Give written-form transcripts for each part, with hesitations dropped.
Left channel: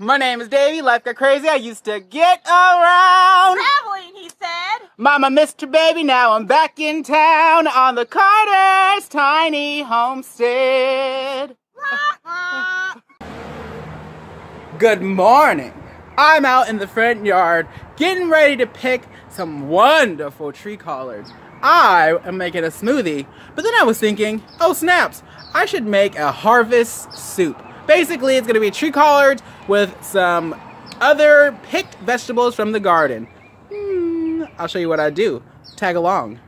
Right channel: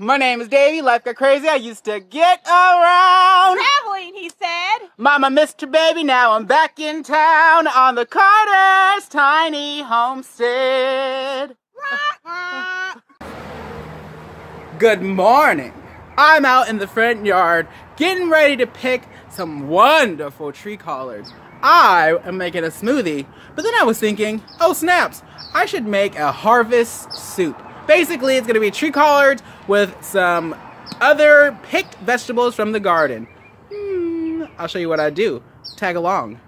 My name is Davey. Life got crazy. I used to get around. Traveling, he said. Mama, Mr. Baby, now I'm back in town on the Collards' tiny homestead. Good morning. I'm out in the front yard getting ready to pick some wonderful tree collards. I am making a smoothie, but then I was thinking, oh snaps, I should make a harvest soup. Basically, it's going to be tree collards with some other picked vegetables from the garden. I'll show you what I do. Tag along.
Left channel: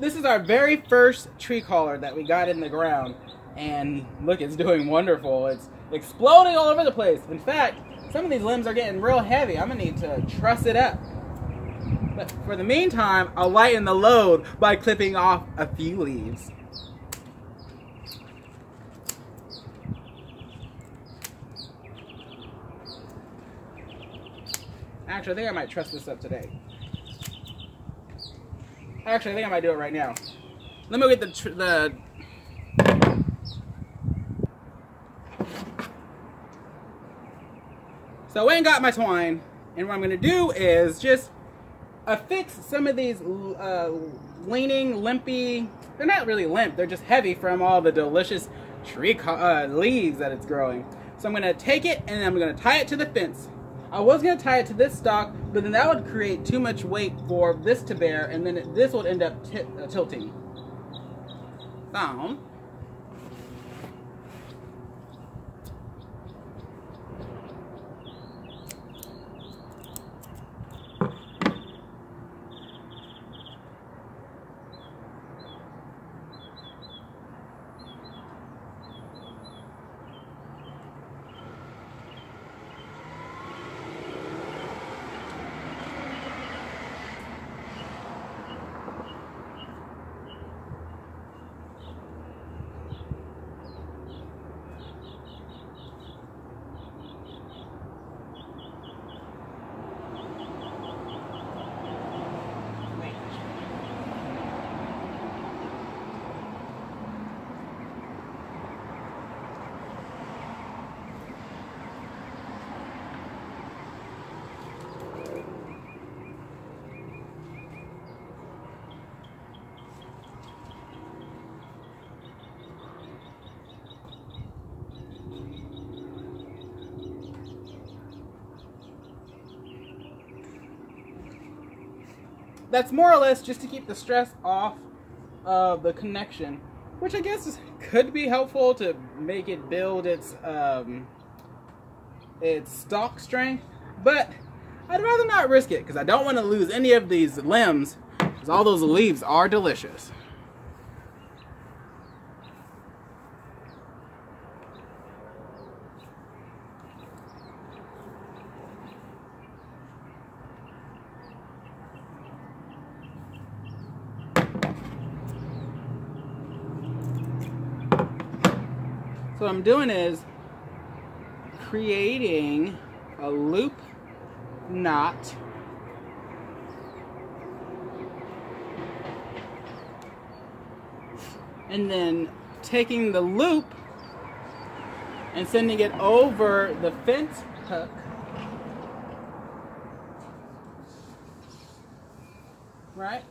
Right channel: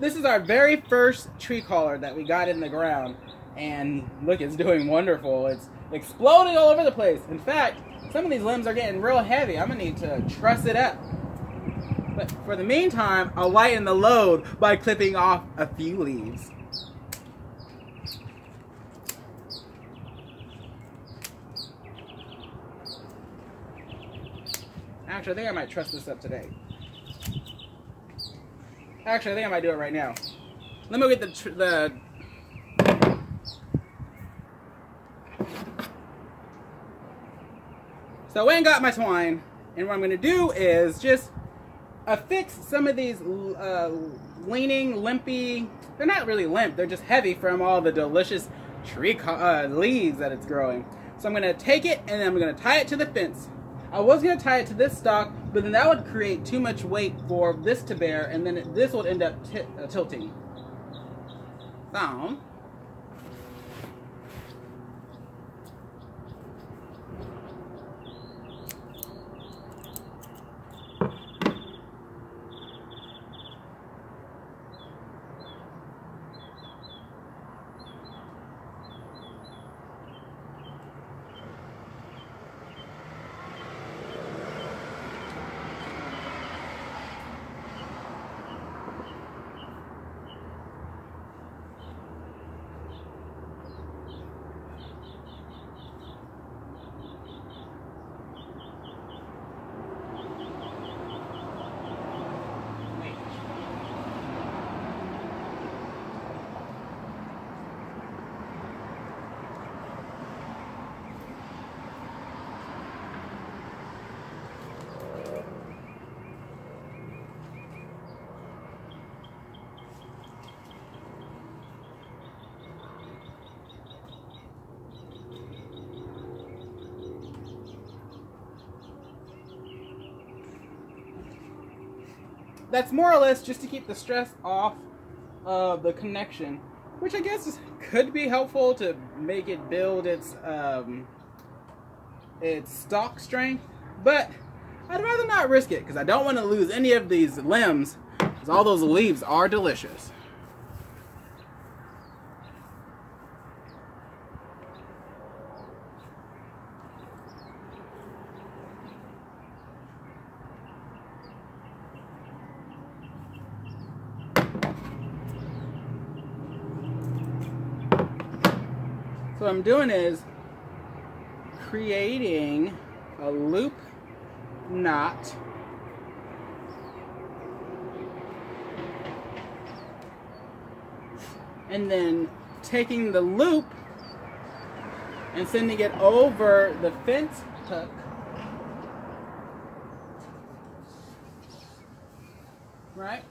This is our very first tree collard that we got in the ground, and look, it's doing wonderful. It's exploding all over the place. In fact, some of these limbs are getting real heavy. I'm gonna need to truss it up. But for the meantime, I'll lighten the load by clipping off a few leaves. Actually, I think I might truss this up today. Actually, I think I might do it right now. Let me go get the So I went and got my twine, and what I'm going to do is just affix some of these leaning, limpy, they're not really limp, they're just heavy from all the delicious tree leaves that it's growing. So I'm going to take it and I'm going to tie it to the fence. I was going to tie it to this stalk, but then that would create too much weight for this to bear, and then this would end up tilting. Down. That's more or less just to keep the stress off of the connection, which I guess could be helpful to make it build its stalk strength, but I'd rather not risk it because I don't want to lose any of these limbs because all those leaves are delicious. So what I'm doing is creating a loop knot and then taking the loop and sending it over the fence hook right,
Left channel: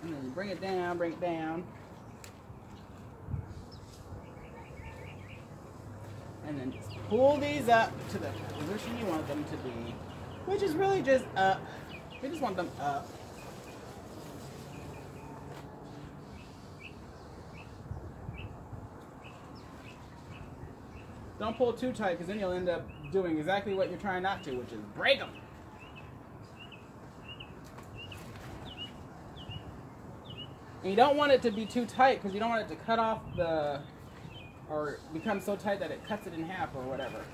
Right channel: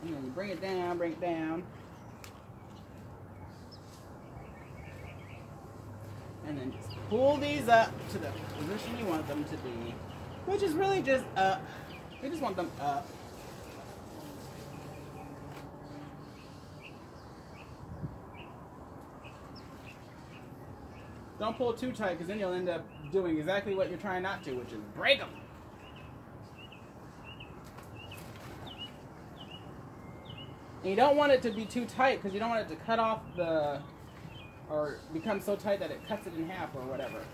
and then you bring it down, and then just pull these up to the position you want them to be, which is really just up. We just want them up. Don't pull too tight because then you'll end up doing exactly what you're trying not to, which is break them. And you don't want it to be too tight because you don't want it to cut off the or become so tight that it cuts it in half or whatever.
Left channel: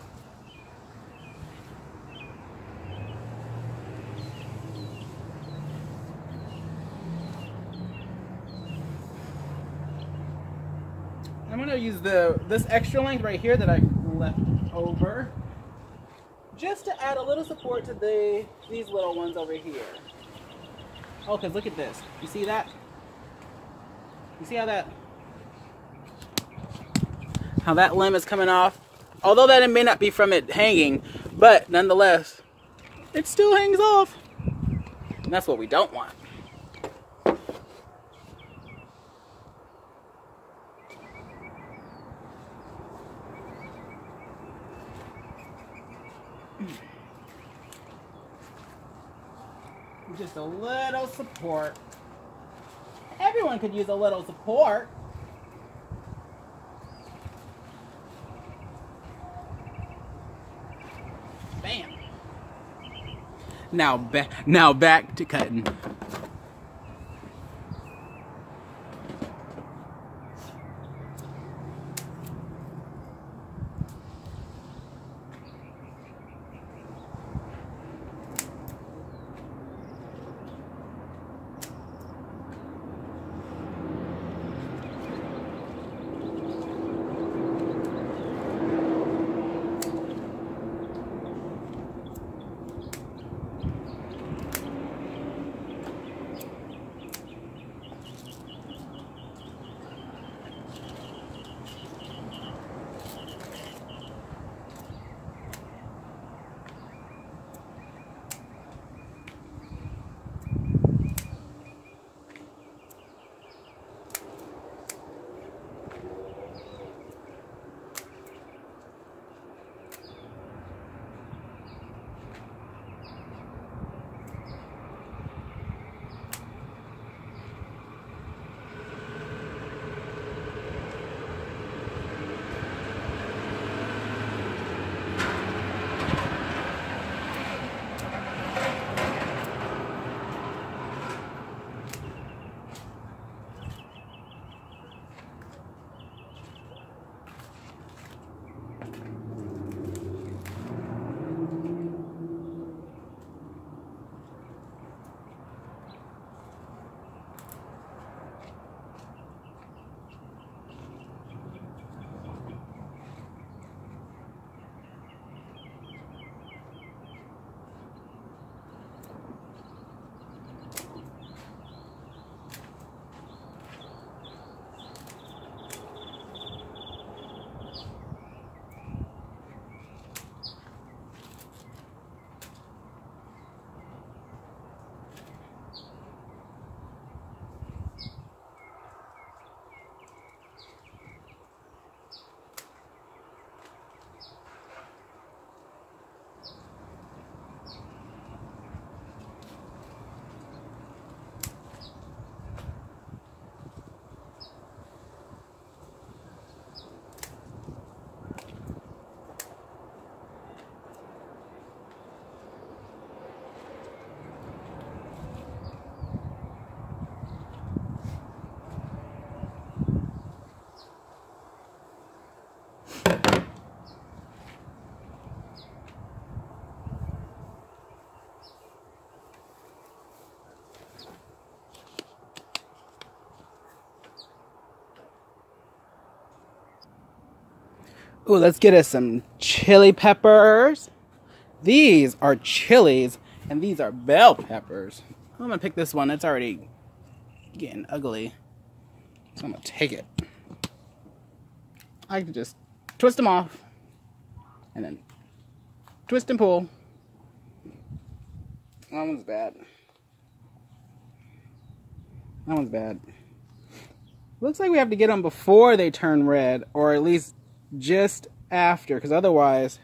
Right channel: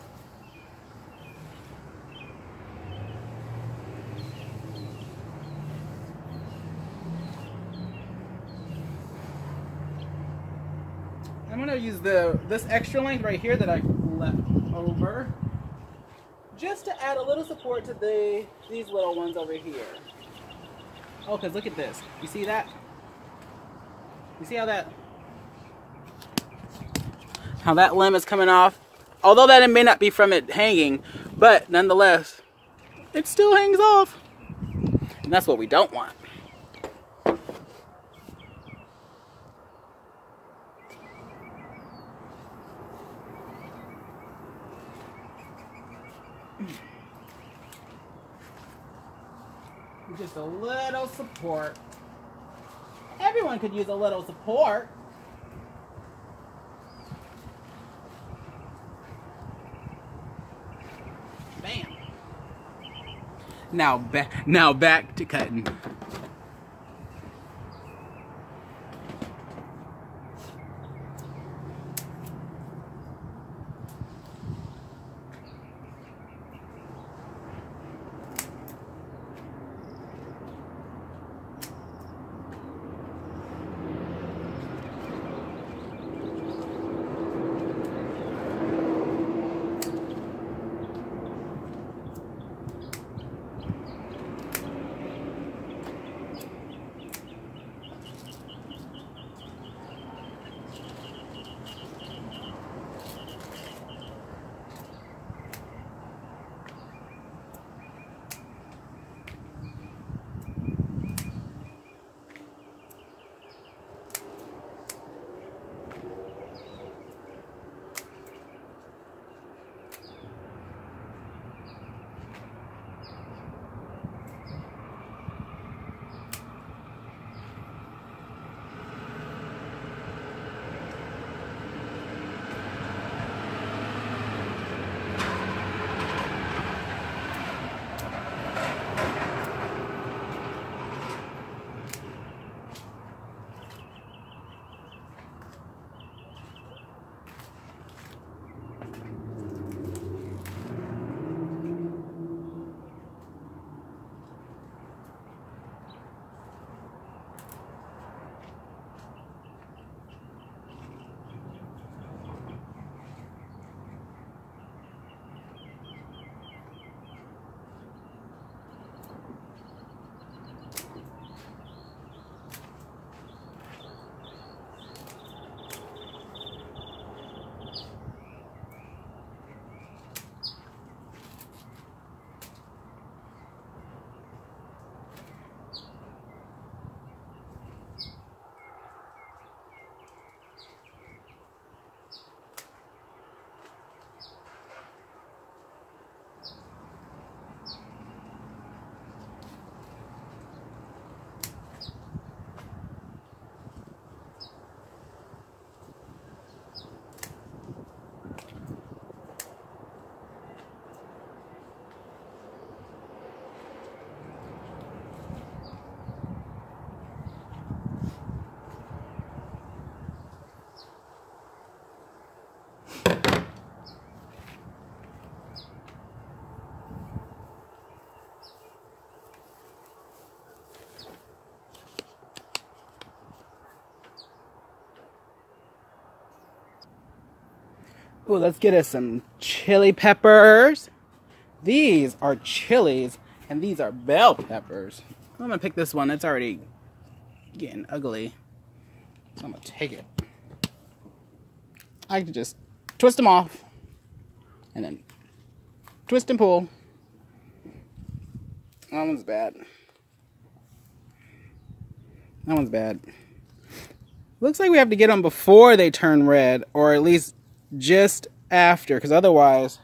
I'm gonna use this extra length right here that I left over, just to add a little support to these little ones over here. Oh, cause look at this. You see that? You see how that limb is coming off? Although that it may not be from it hanging, but nonetheless, it still hangs off. And that's what we don't want. Just a little support. Everyone could use a little support. Bam. Now back to cutting. Ooh, let's get us some chili peppers. These are chilies, and these are bell peppers. I'm gonna pick this one. It's already getting ugly. So I'm gonna take it. I can just twist them off, and then twist and pull. That one's bad. That one's bad. Looks like we have to get them before they turn red, or at least just after, because otherwise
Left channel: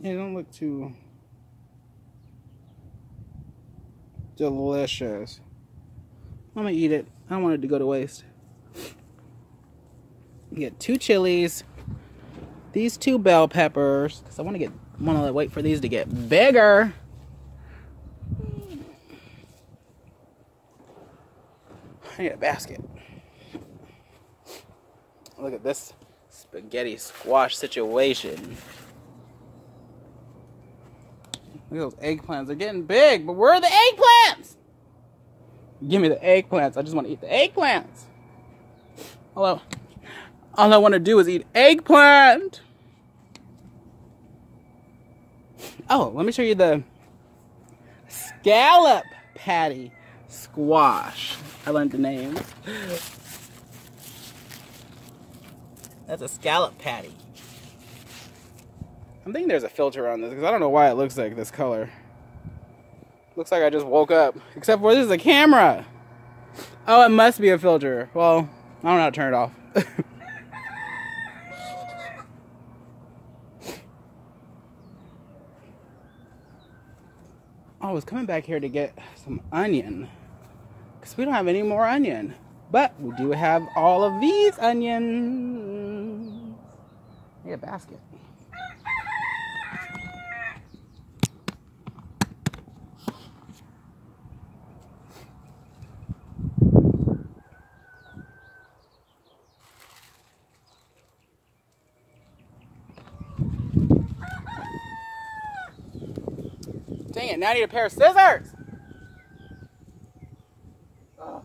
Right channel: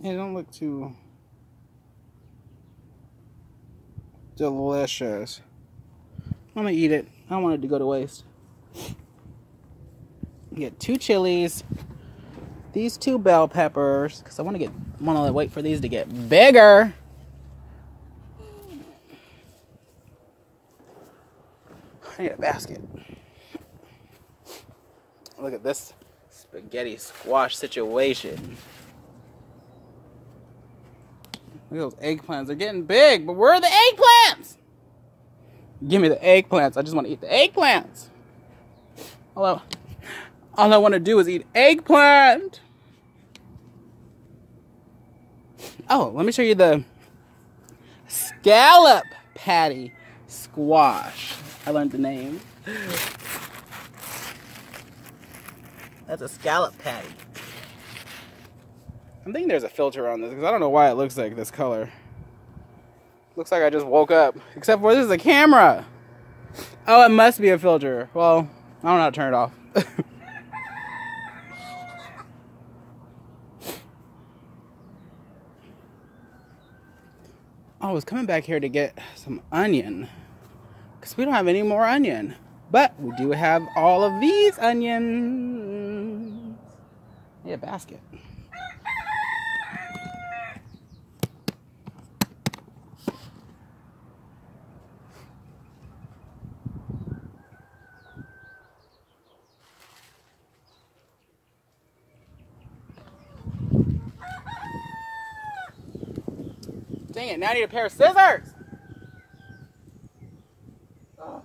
they don't look too delicious. I'm gonna eat it. I don't want it to go to waste. Get 2 chilies, these 2 bell peppers, because I want to wait for these to get bigger. I need a basket. Look at this spaghetti squash situation. Look at those eggplants. They're getting big, but where are the eggplants? Give me the eggplants. I just want to eat the eggplants. All I want to do is eat eggplant. Oh, let me show you the scallop patty squash. I learned the name. That's a scallop patty. I'm thinking there's a filter on this because I don't know why it looks like this color. Looks like I just woke up. Except for this is a camera. Oh, it must be a filter. Well, I don't know how to turn it off. I was coming back here to get some onion. Because we don't have any more onion. But we do have all of these onions. Yeah, a basket. Dang it, now I need a pair of scissors! Oh.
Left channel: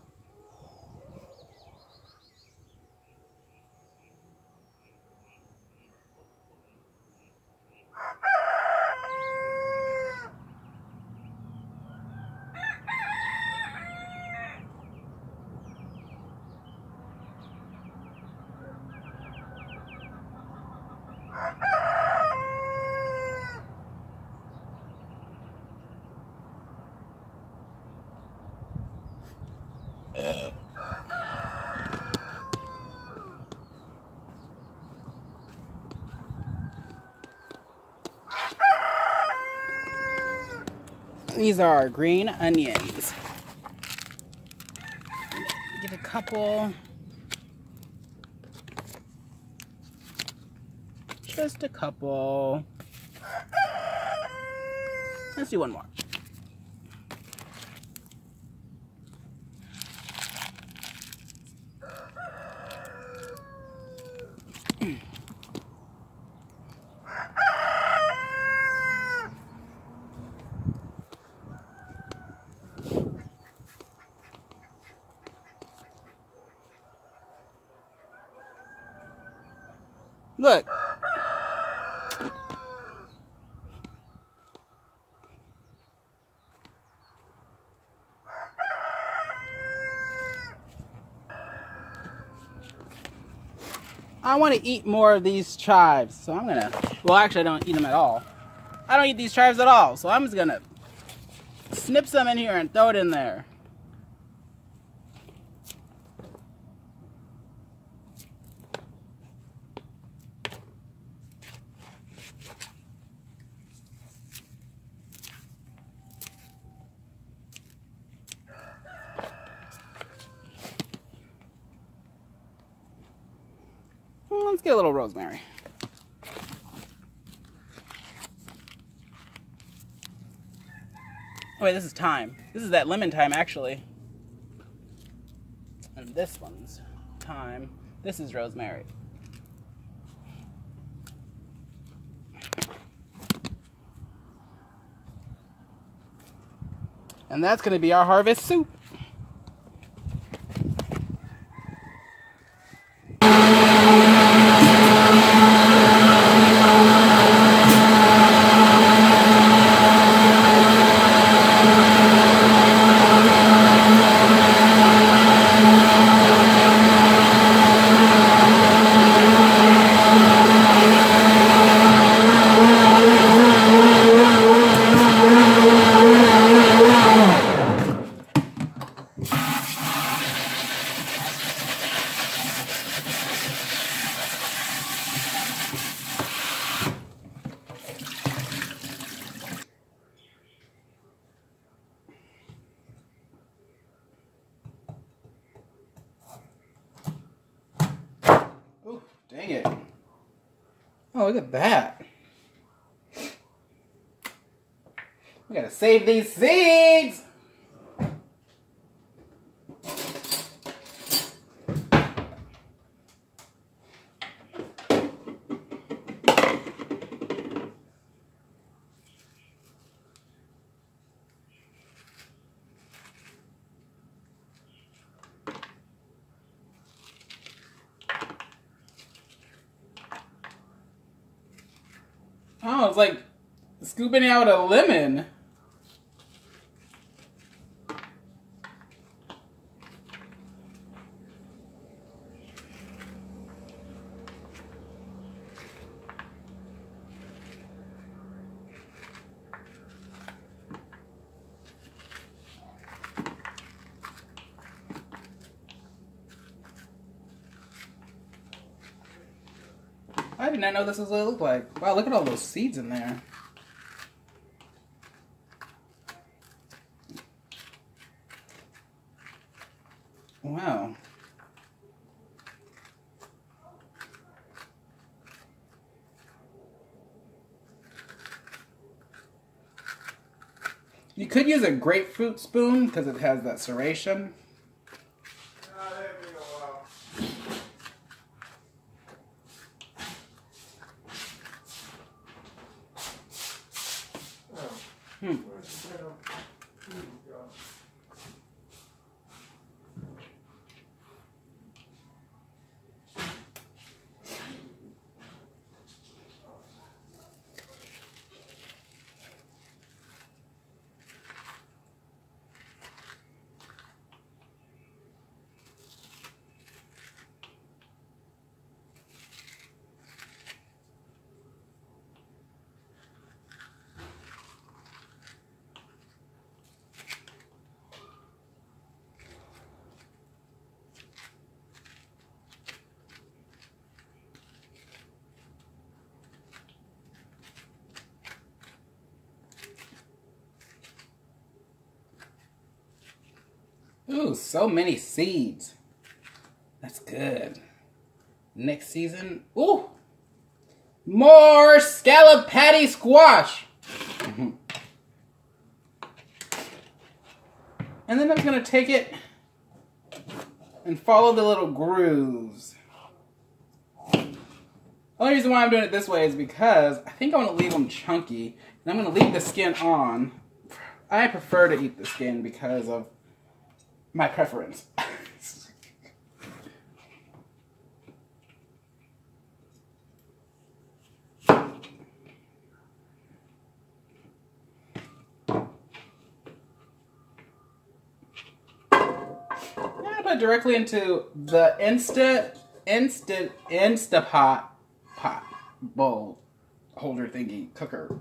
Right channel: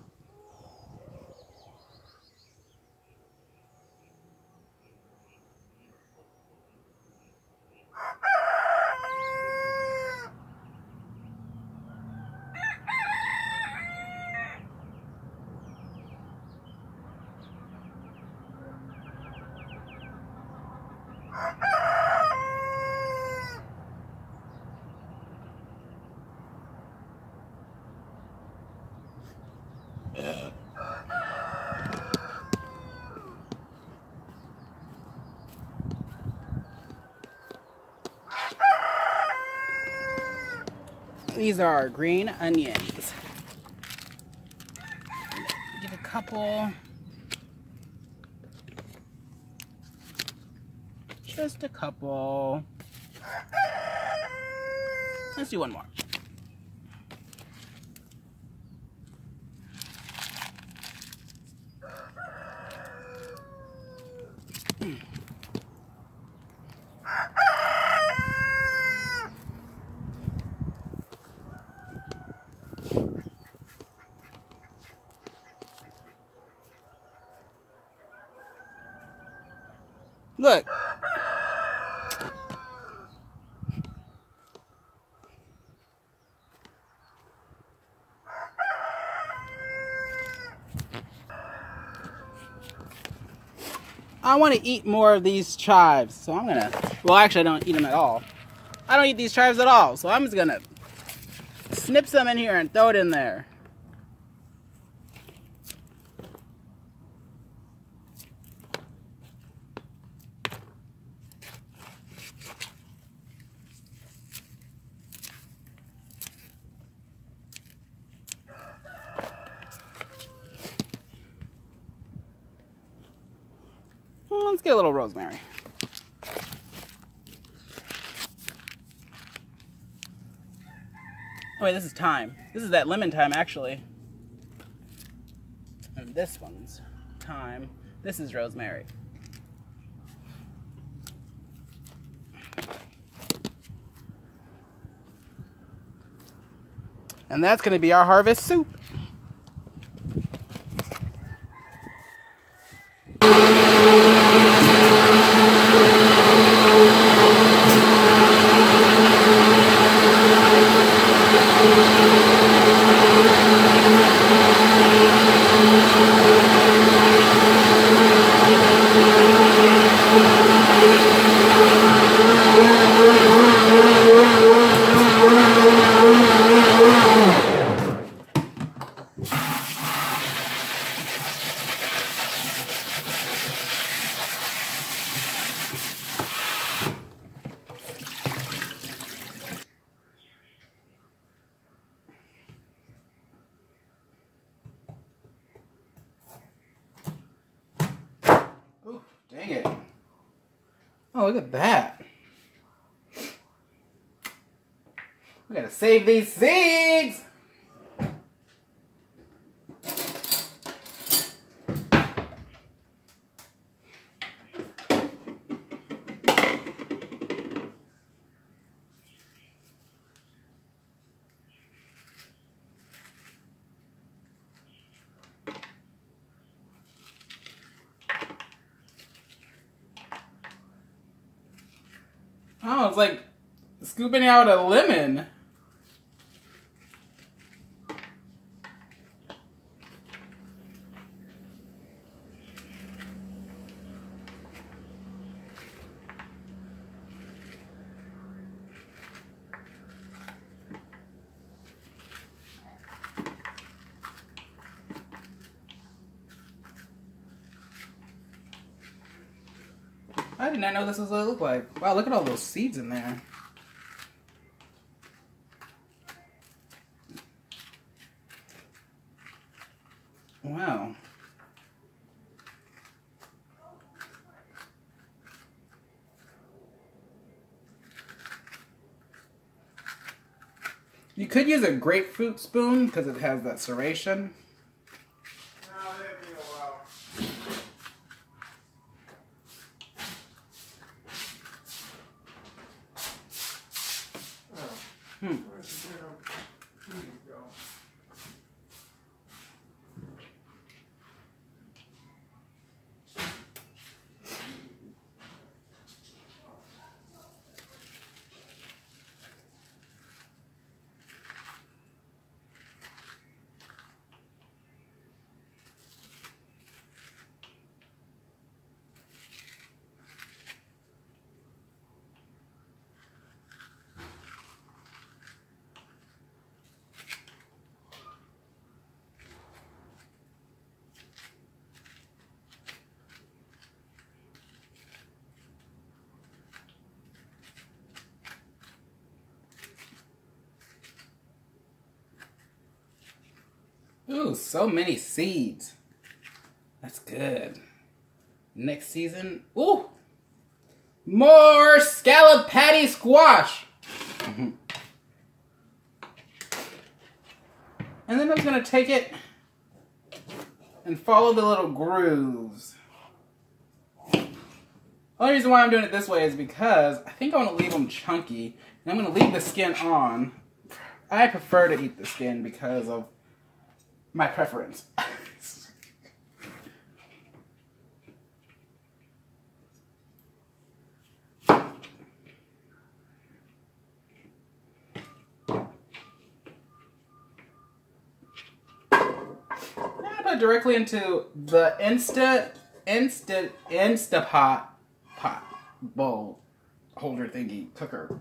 These are our green onions. Get a couple. Just a couple. Let's do one more. Look. I want to eat more of these chives, so I'm gonna, well actually I don't eat them at all. I don't eat these chives at all, so I'm just gonna snip some in here and throw it in there. Let's get a little rosemary. Oh wait, this is thyme. This is that lemon thyme, actually. And this one's thyme. This is rosemary. And that's going to be our harvest soup. Dang it. Oh, look at that. We gotta save these seeds. Oh, it's like scooping out a lemon. I did not know this was what it looked like. Wow, look at all those seeds in there. Wow. You could use a grapefruit spoon because it has that serration. Ooh, so many seeds. That's good. Next season, ooh, more scallop patty squash. And then I'm gonna take it and follow the little grooves. The only reason why I'm doing it this way is because I think I want to leave them chunky, and I'm gonna leave the skin on. I prefer to eat the skin because of my preference. I'm gonna put it directly into the Instapot pot bowl holder thingy cooker.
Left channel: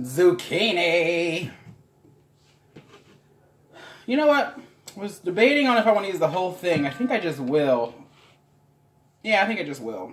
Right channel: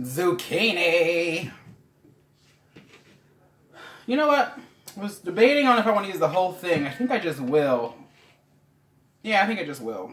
Zucchini. You know what? I was debating on if I want to use the whole thing. I think I just will. Yeah, I think I just will.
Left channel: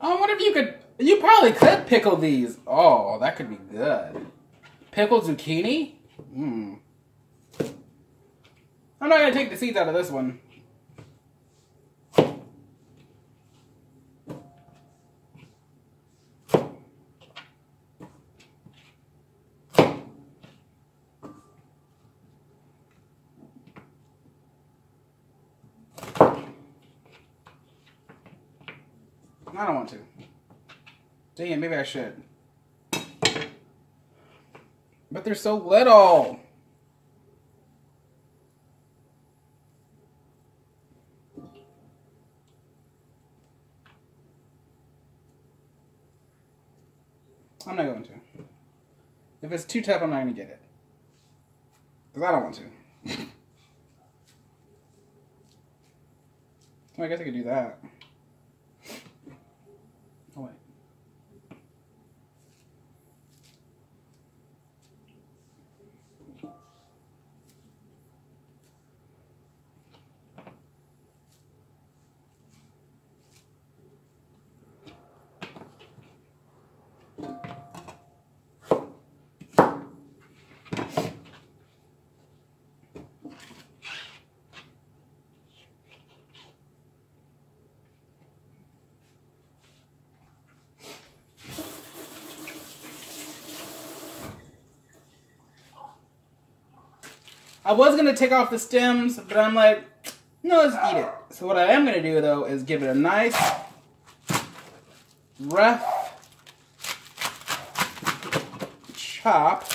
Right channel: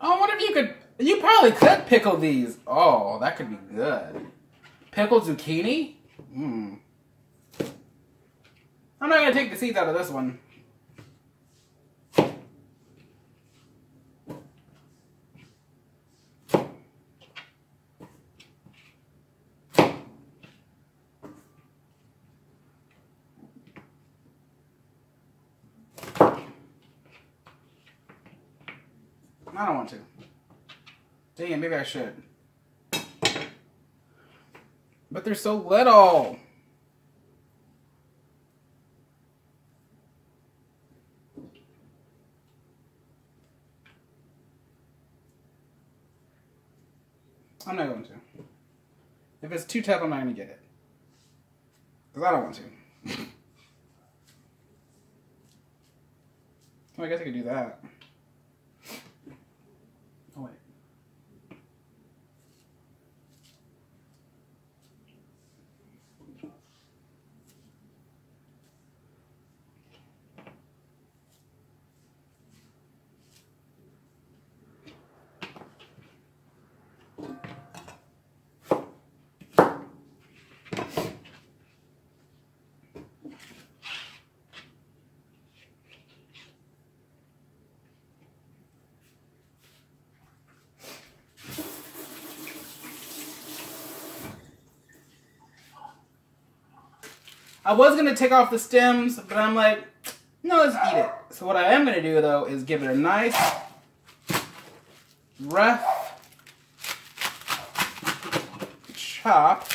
Oh, what if you could... You probably could pickle these. Oh, that could be good. Pickled zucchini? I'm not going to take the seeds out of this one. I don't want to. Dang it, maybe I should. But they're so little. I'm not going to. If it's too tough, I'm not going to get it. Because I don't want to. Well, I guess I could do that. Oh, wait. I was going to take off the stems, but I'm like, no, let's eat it. So what I am going to do, though, is give it a nice, rough chop.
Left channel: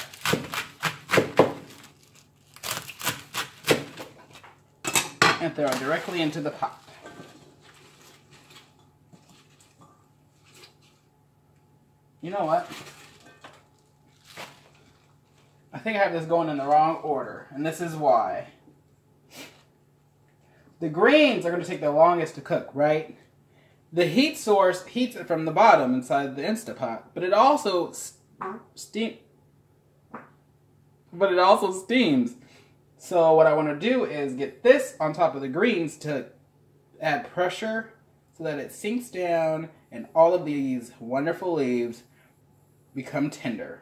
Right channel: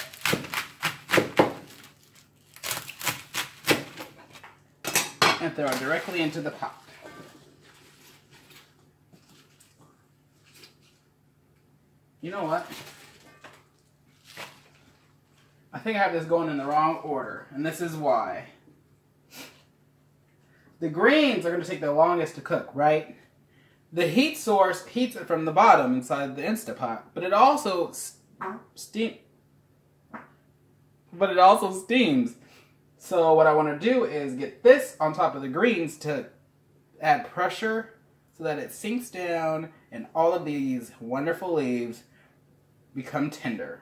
And throw it directly into the pot. You know what? I think I have this going in the wrong order, and this is why. The greens are going to take the longest to cook, right? The heat source heats it from the bottom inside the Instapot, but it also steams. So what I want to do is get this on top of the greens to add pressure so that it sinks down and all of these wonderful leaves become tender.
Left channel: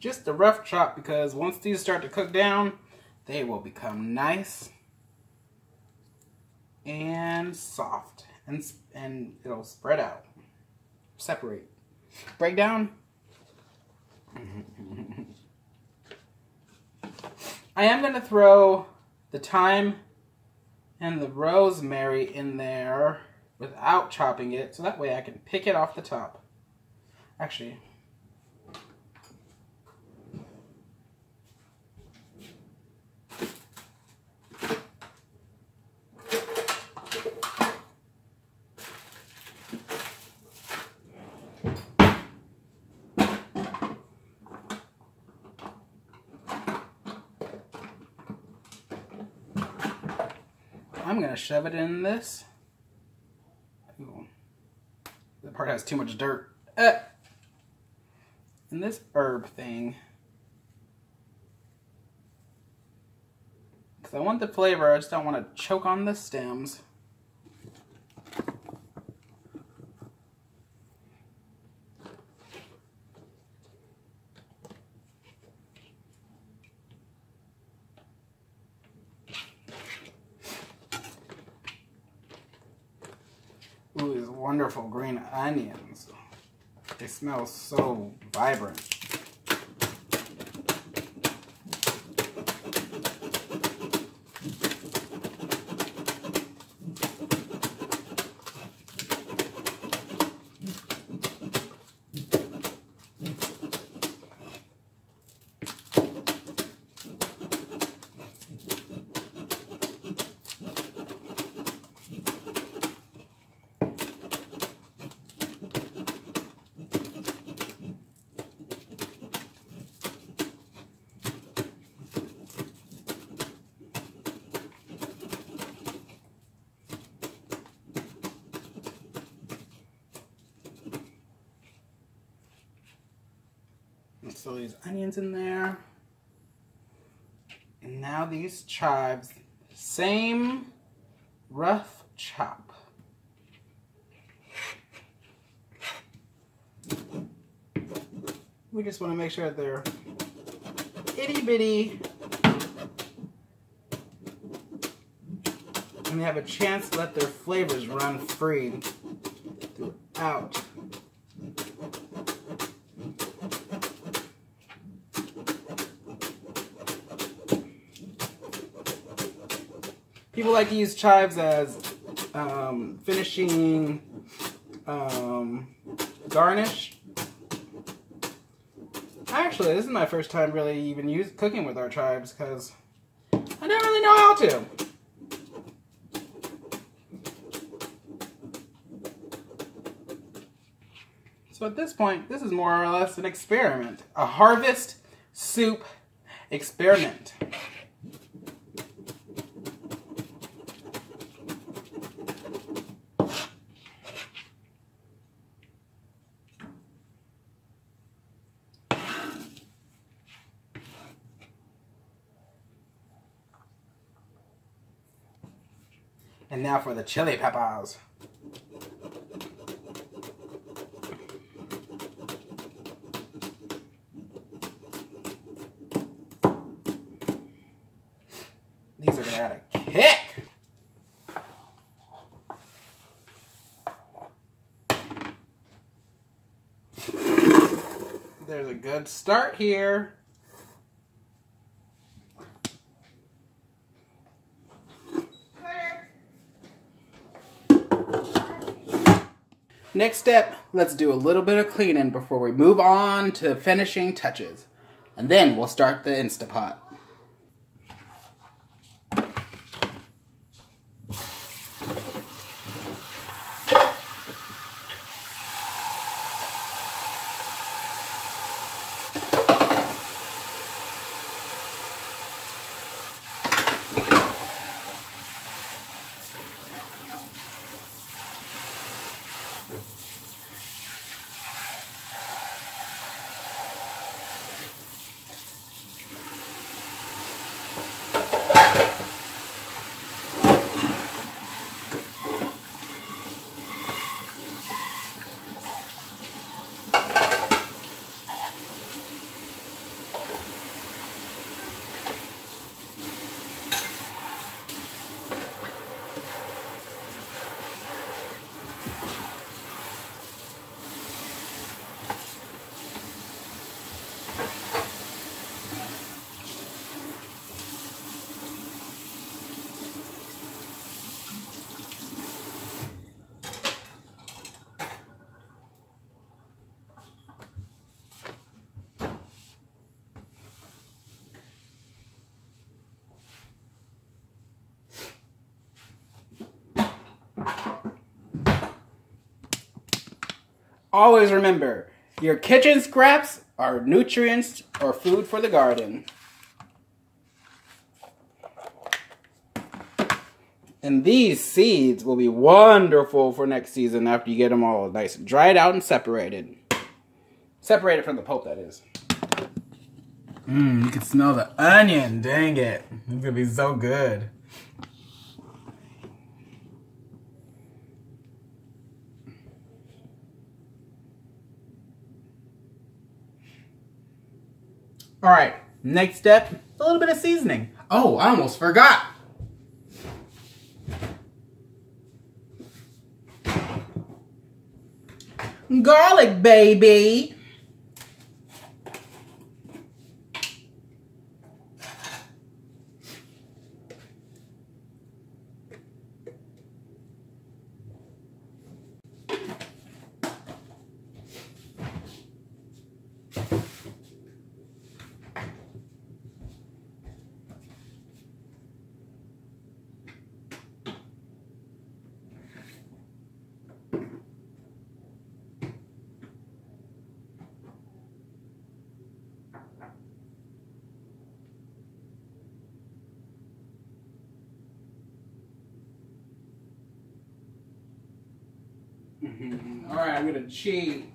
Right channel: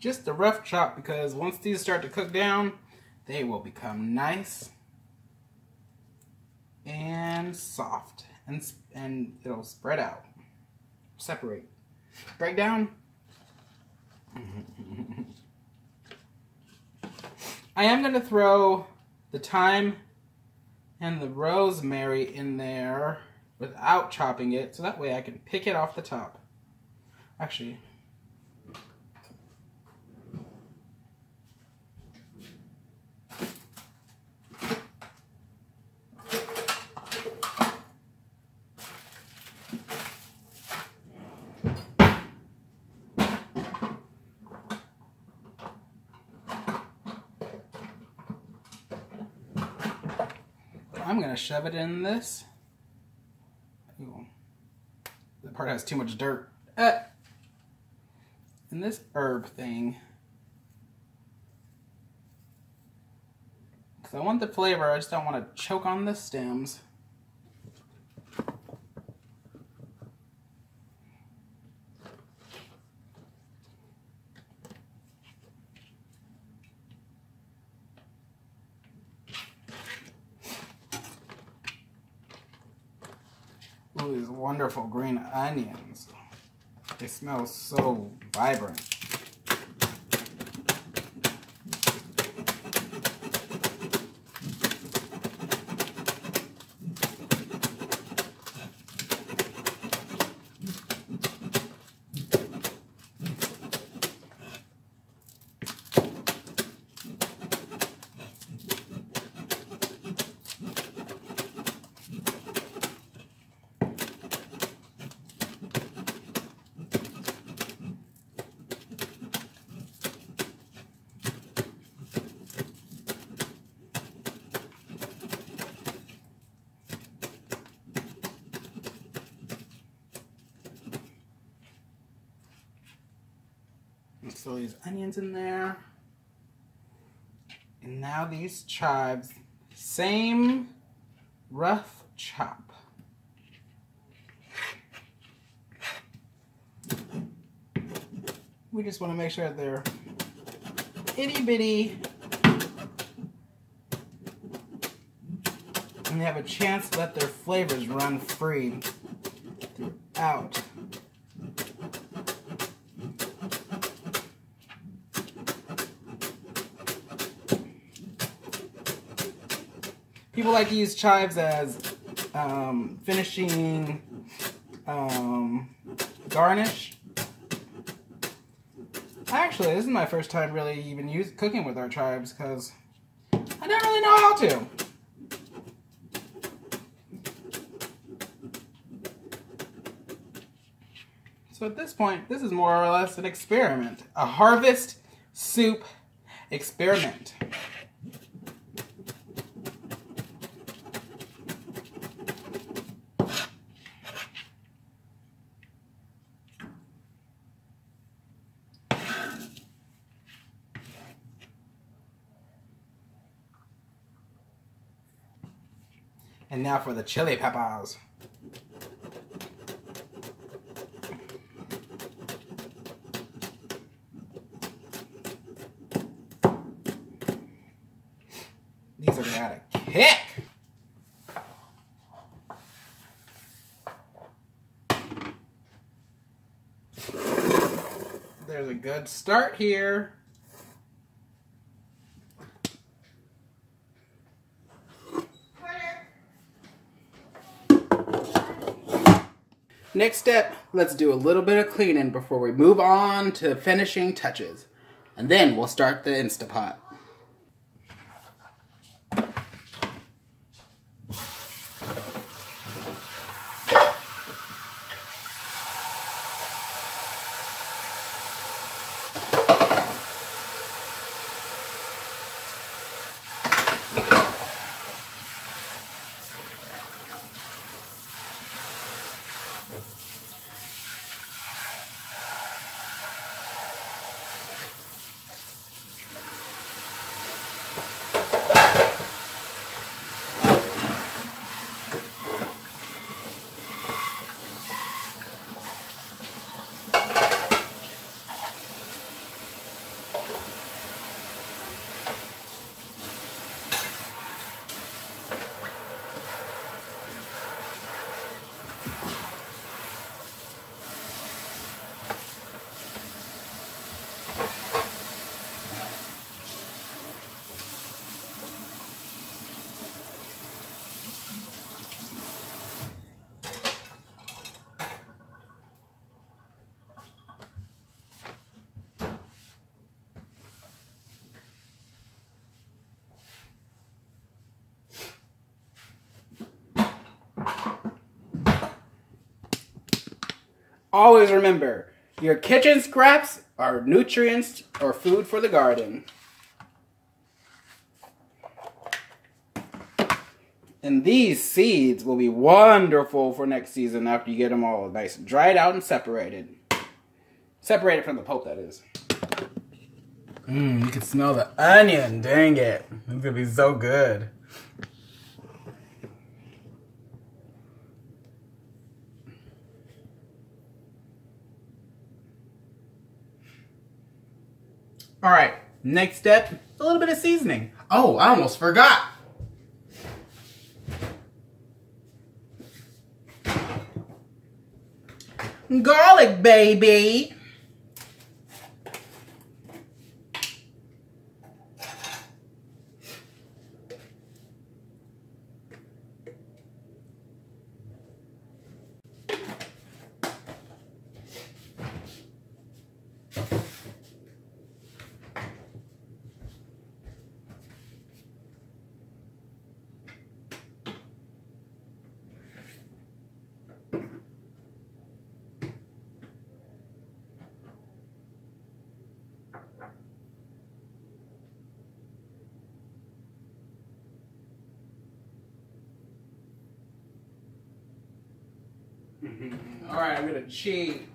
Just a rough chop, because once these start to cook down, they will become nice and soft, and it'll spread out, separate, break down. I am going to throw the thyme and the rosemary in there without chopping it, so that way I can pick it off the top. Actually, I'm going to shove it in this. Ooh, that part has too much dirt. In this herb thing. Because I want the flavor, I just don't want to choke on the stems. Ooh, these wonderful green onions. They smell so vibrant. So these onions in there. And now these chives, same rough chop. We just want to make sure that they're itty bitty and they have a chance to let their flavors run free throughout. People like to use chives as finishing garnish. Actually, this is my first time really even cooking with our chives because I don't really know how to. So at this point, this is more or less an experiment. A harvest soup experiment. And now for the chili peppers. These are gonna add a kick. There's a good start here. Next step, let's do a little bit of cleaning before we move on to finishing touches. And then we'll start the Instapot. Always remember, your kitchen scraps are nutrients or food for the garden. And these seeds will be wonderful for next season after you get them all nice and dried out and separated. Separated from the pulp, that is. You can smell the onion, dang it. It's gonna be so good. All right, next step, a little bit of seasoning. Oh, I almost forgot. Garlic, baby. All right, I'm gonna cheat.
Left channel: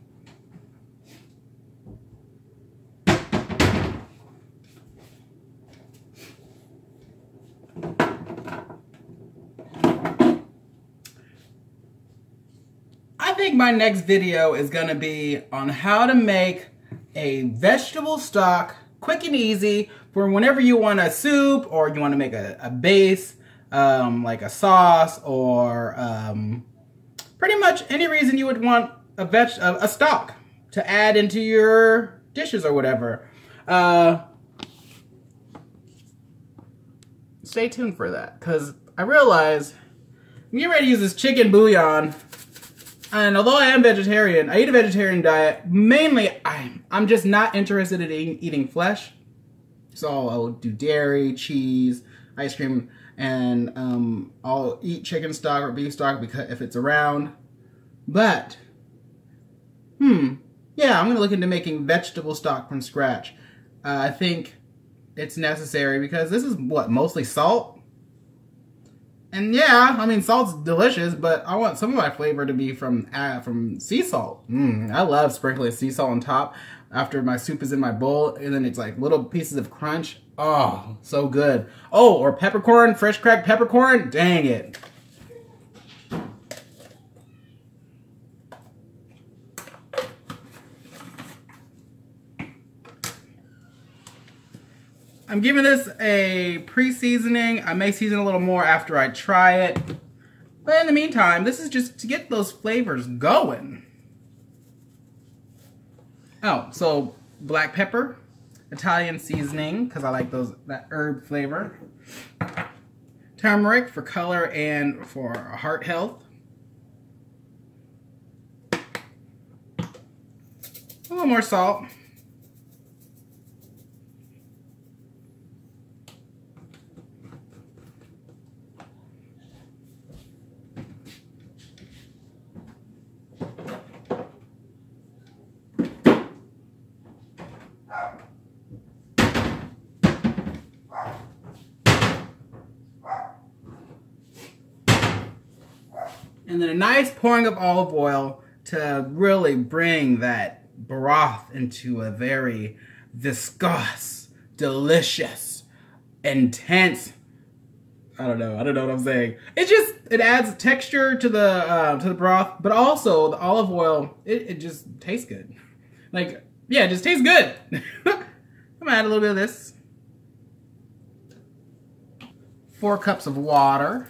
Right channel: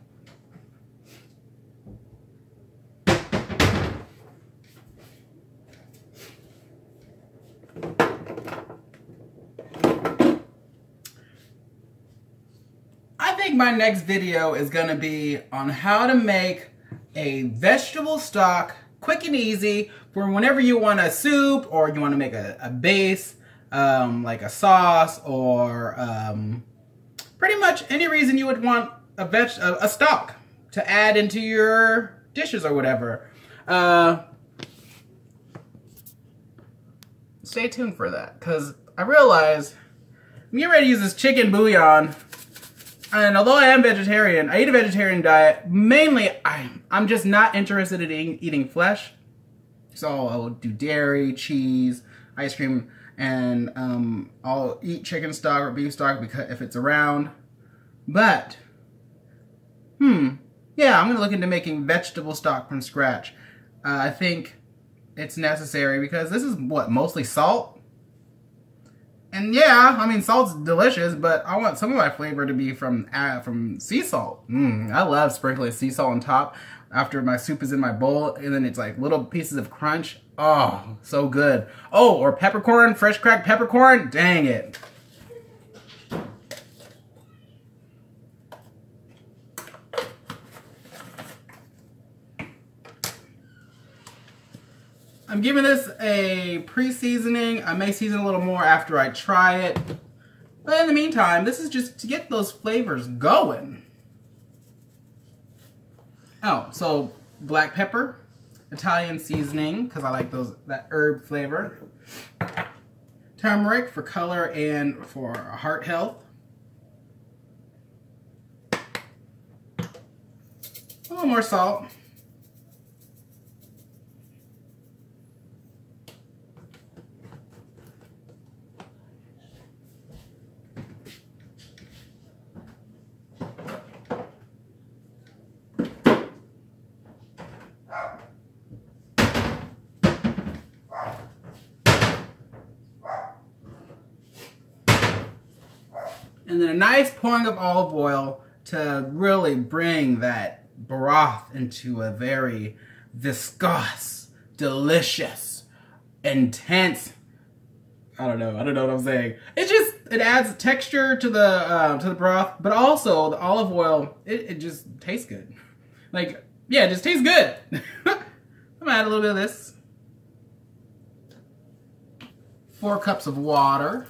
my next video is gonna be on how to make a vegetable stock, quick and easy, for whenever you want a soup or you want to make a base, like a sauce, or pretty much any reason you would want a stock to add into your dishes or whatever. Stay tuned for that, because I realize I'm getting ready to use this chicken bouillon. And although I am vegetarian, I eat a vegetarian diet. Mainly, I'm just not interested in eating flesh. So I'll do dairy, cheese, ice cream, and I'll eat chicken stock or beef stock because if it's around. But, yeah, I'm gonna look into making vegetable stock from scratch. I think it's necessary because this is what, mostly salt? And yeah, I mean, salt's delicious, but I want some of my flavor to be from sea salt. I love sprinkling sea salt on top after my soup is in my bowl, and then it's like little pieces of crunch. Oh, so good. Oh, or peppercorn, fresh cracked peppercorn. Dang it. I'm giving this a pre-seasoning. I may season a little more after I try it. But in the meantime, this is just to get those flavors going. Oh, so black pepper, Italian seasoning, because I like that herb flavor. Turmeric for color and for heart health. A little more salt. And then a nice pouring of olive oil to really bring that broth into a very viscous, delicious, intense, I don't know what I'm saying. It adds texture to the broth, but also the olive oil, it just tastes good. Like, yeah, it just tastes good. I'm gonna add a little bit of this. 4 cups of water.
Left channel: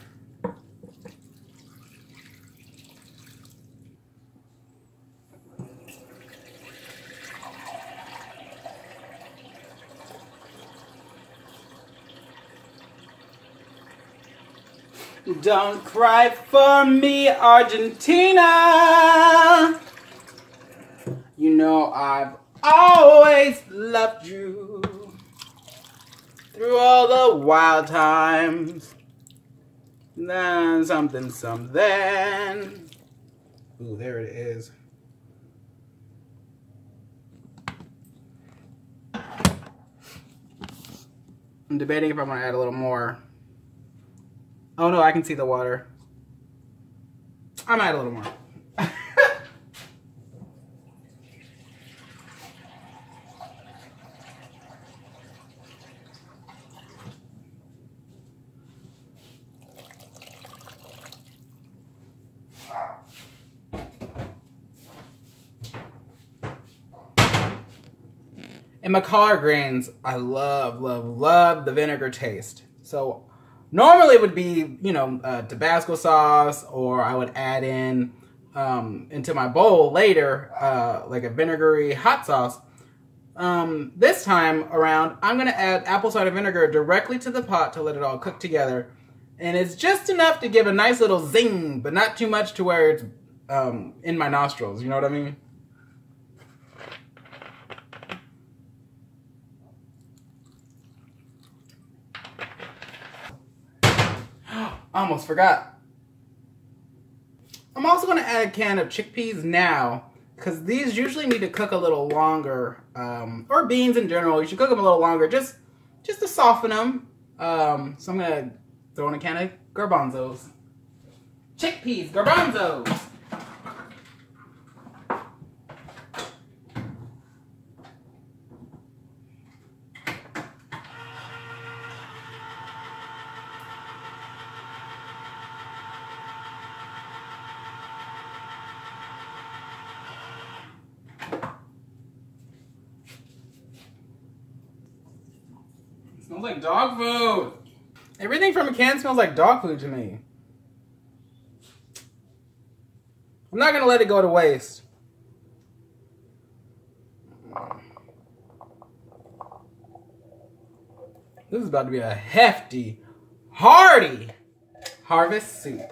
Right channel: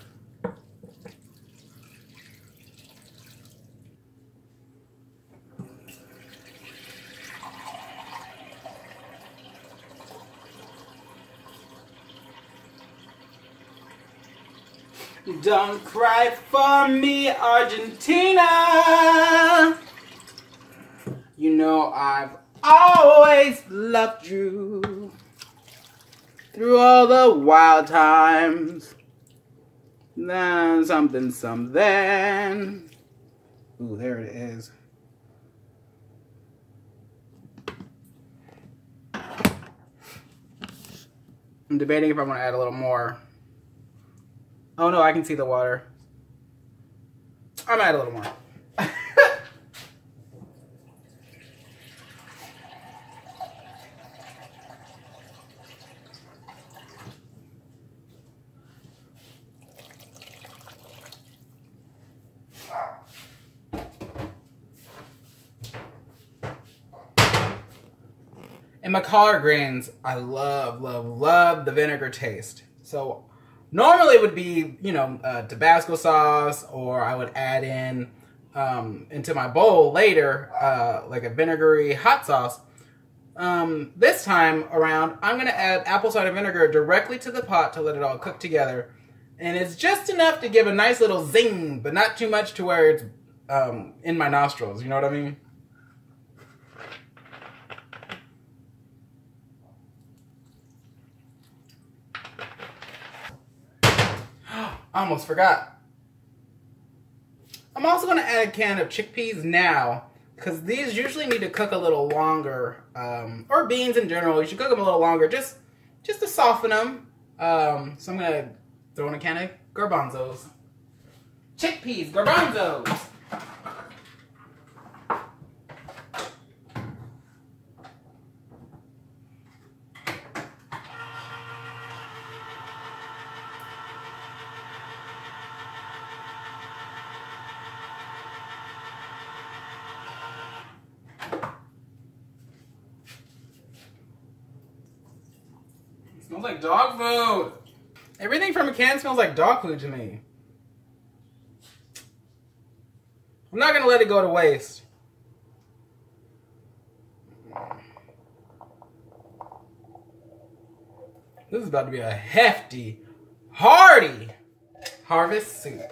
Don't cry for me, Argentina. You know I've always loved you through all the wild times. Then something. Ooh, there it is. I'm debating if I want to add a little more. Oh no, I can see the water. I might add a little more. And my collard greens, I love the vinegar taste. So normally it would be, you know, Tabasco sauce, or I would add in into my bowl later, like a vinegary hot sauce. This time around, I'm gonna add apple cider vinegar directly to the pot to let it all cook together. And it's just enough to give a nice little zing, but not too much to where it's in my nostrils, you know what I mean? I almost forgot. I'm also going to add a can of chickpeas now, because these usually need to cook a little longer, or beans in general. You should cook them a little longer, just to soften them. So I'm going to throw in a can of garbanzos. Chickpeas, garbanzos. Smells like dog food. Everything from a can smells like dog food to me. I'm not gonna let it go to waste. This is about to be a hefty, hearty harvest soup.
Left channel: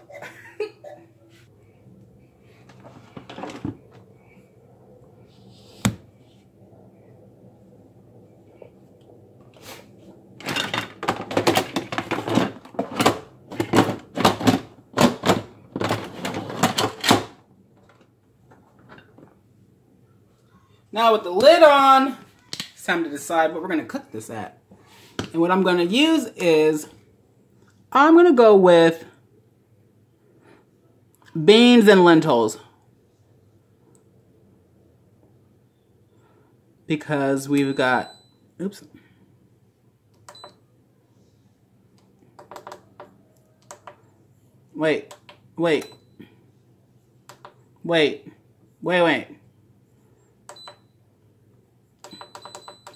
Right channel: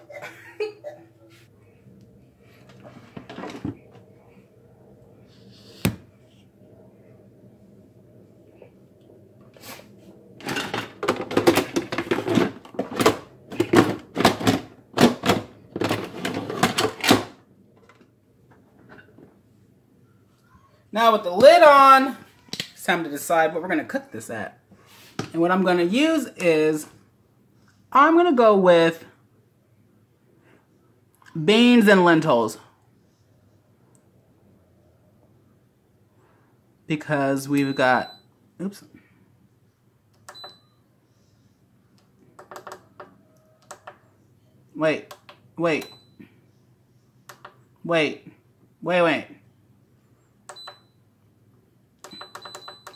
Now with the lid on, it's time to decide what we're gonna cook this at. And what I'm gonna use is, I'm gonna go with beans and lentils. Because we've got, oops. Wait.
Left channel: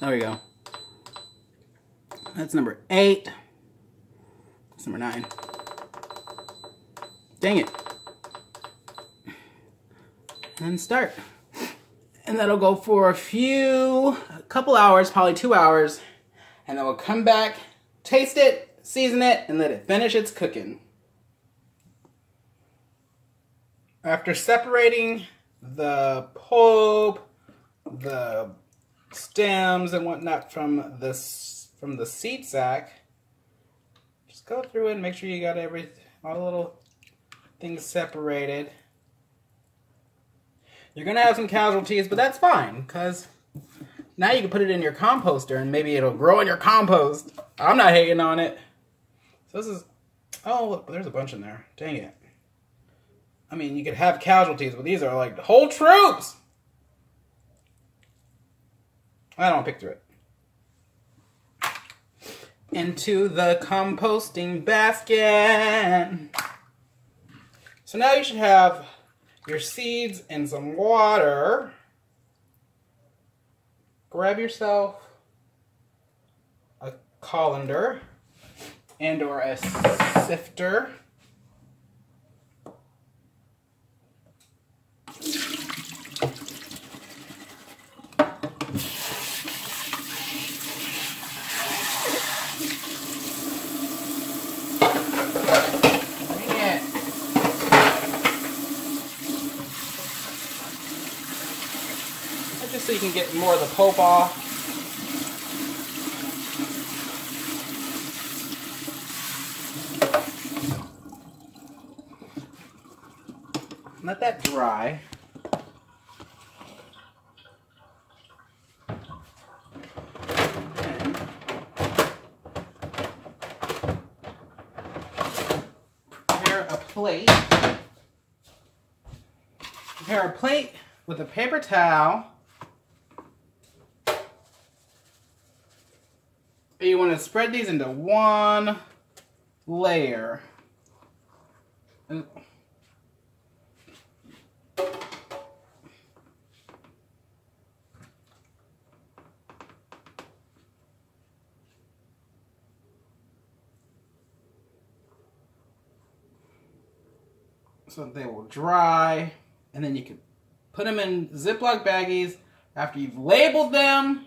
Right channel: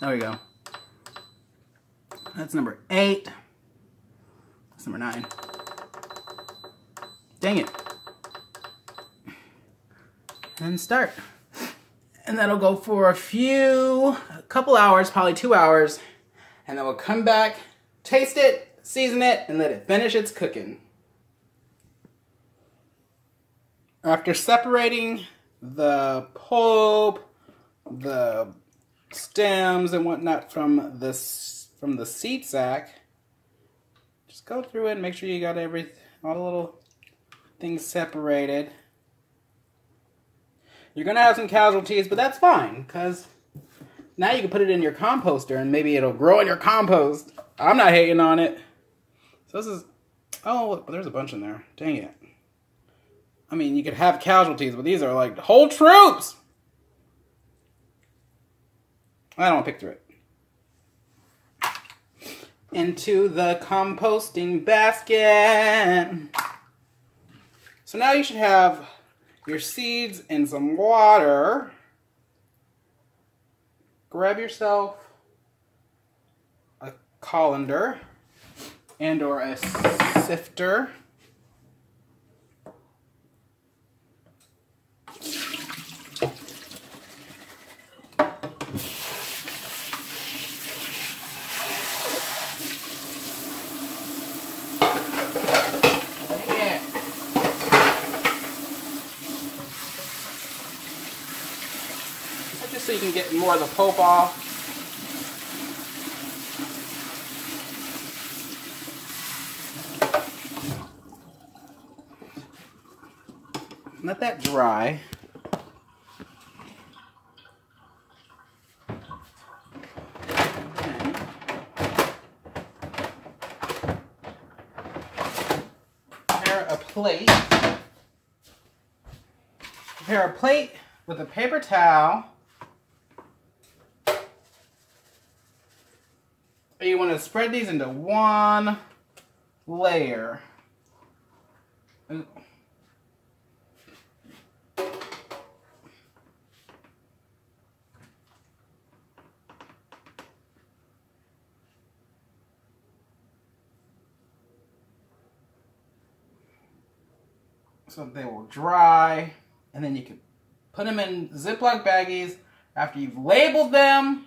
There we go. That's number 8. That's number 9. Dang it. And start. And that'll go for a couple hours, probably 2 hours. And then we'll come back, taste it, season it, and let it finish its cooking. After separating the pulp, the stems and whatnot from the seed sack, just go through it and make sure you got all the little things separated. You're gonna have some casualties, but that's fine, because now you can put it in your composter and maybe it'll grow in your compost. I'm not hating on it. So this is, oh look, there's a bunch in there. Dang it. I mean, you could have casualties, but these are like whole troops. I don't want to pick through it. Into the composting basket. So now you should have your seeds in some water. Grab yourself a colander and or a sifter. Just so you can get more of the pulp off. Let that dry. Prepare a plate. Prepare a plate with a paper towel. You want to spread these into one layer. So they will dry, and then you can put them in Ziploc baggies after you've labeled them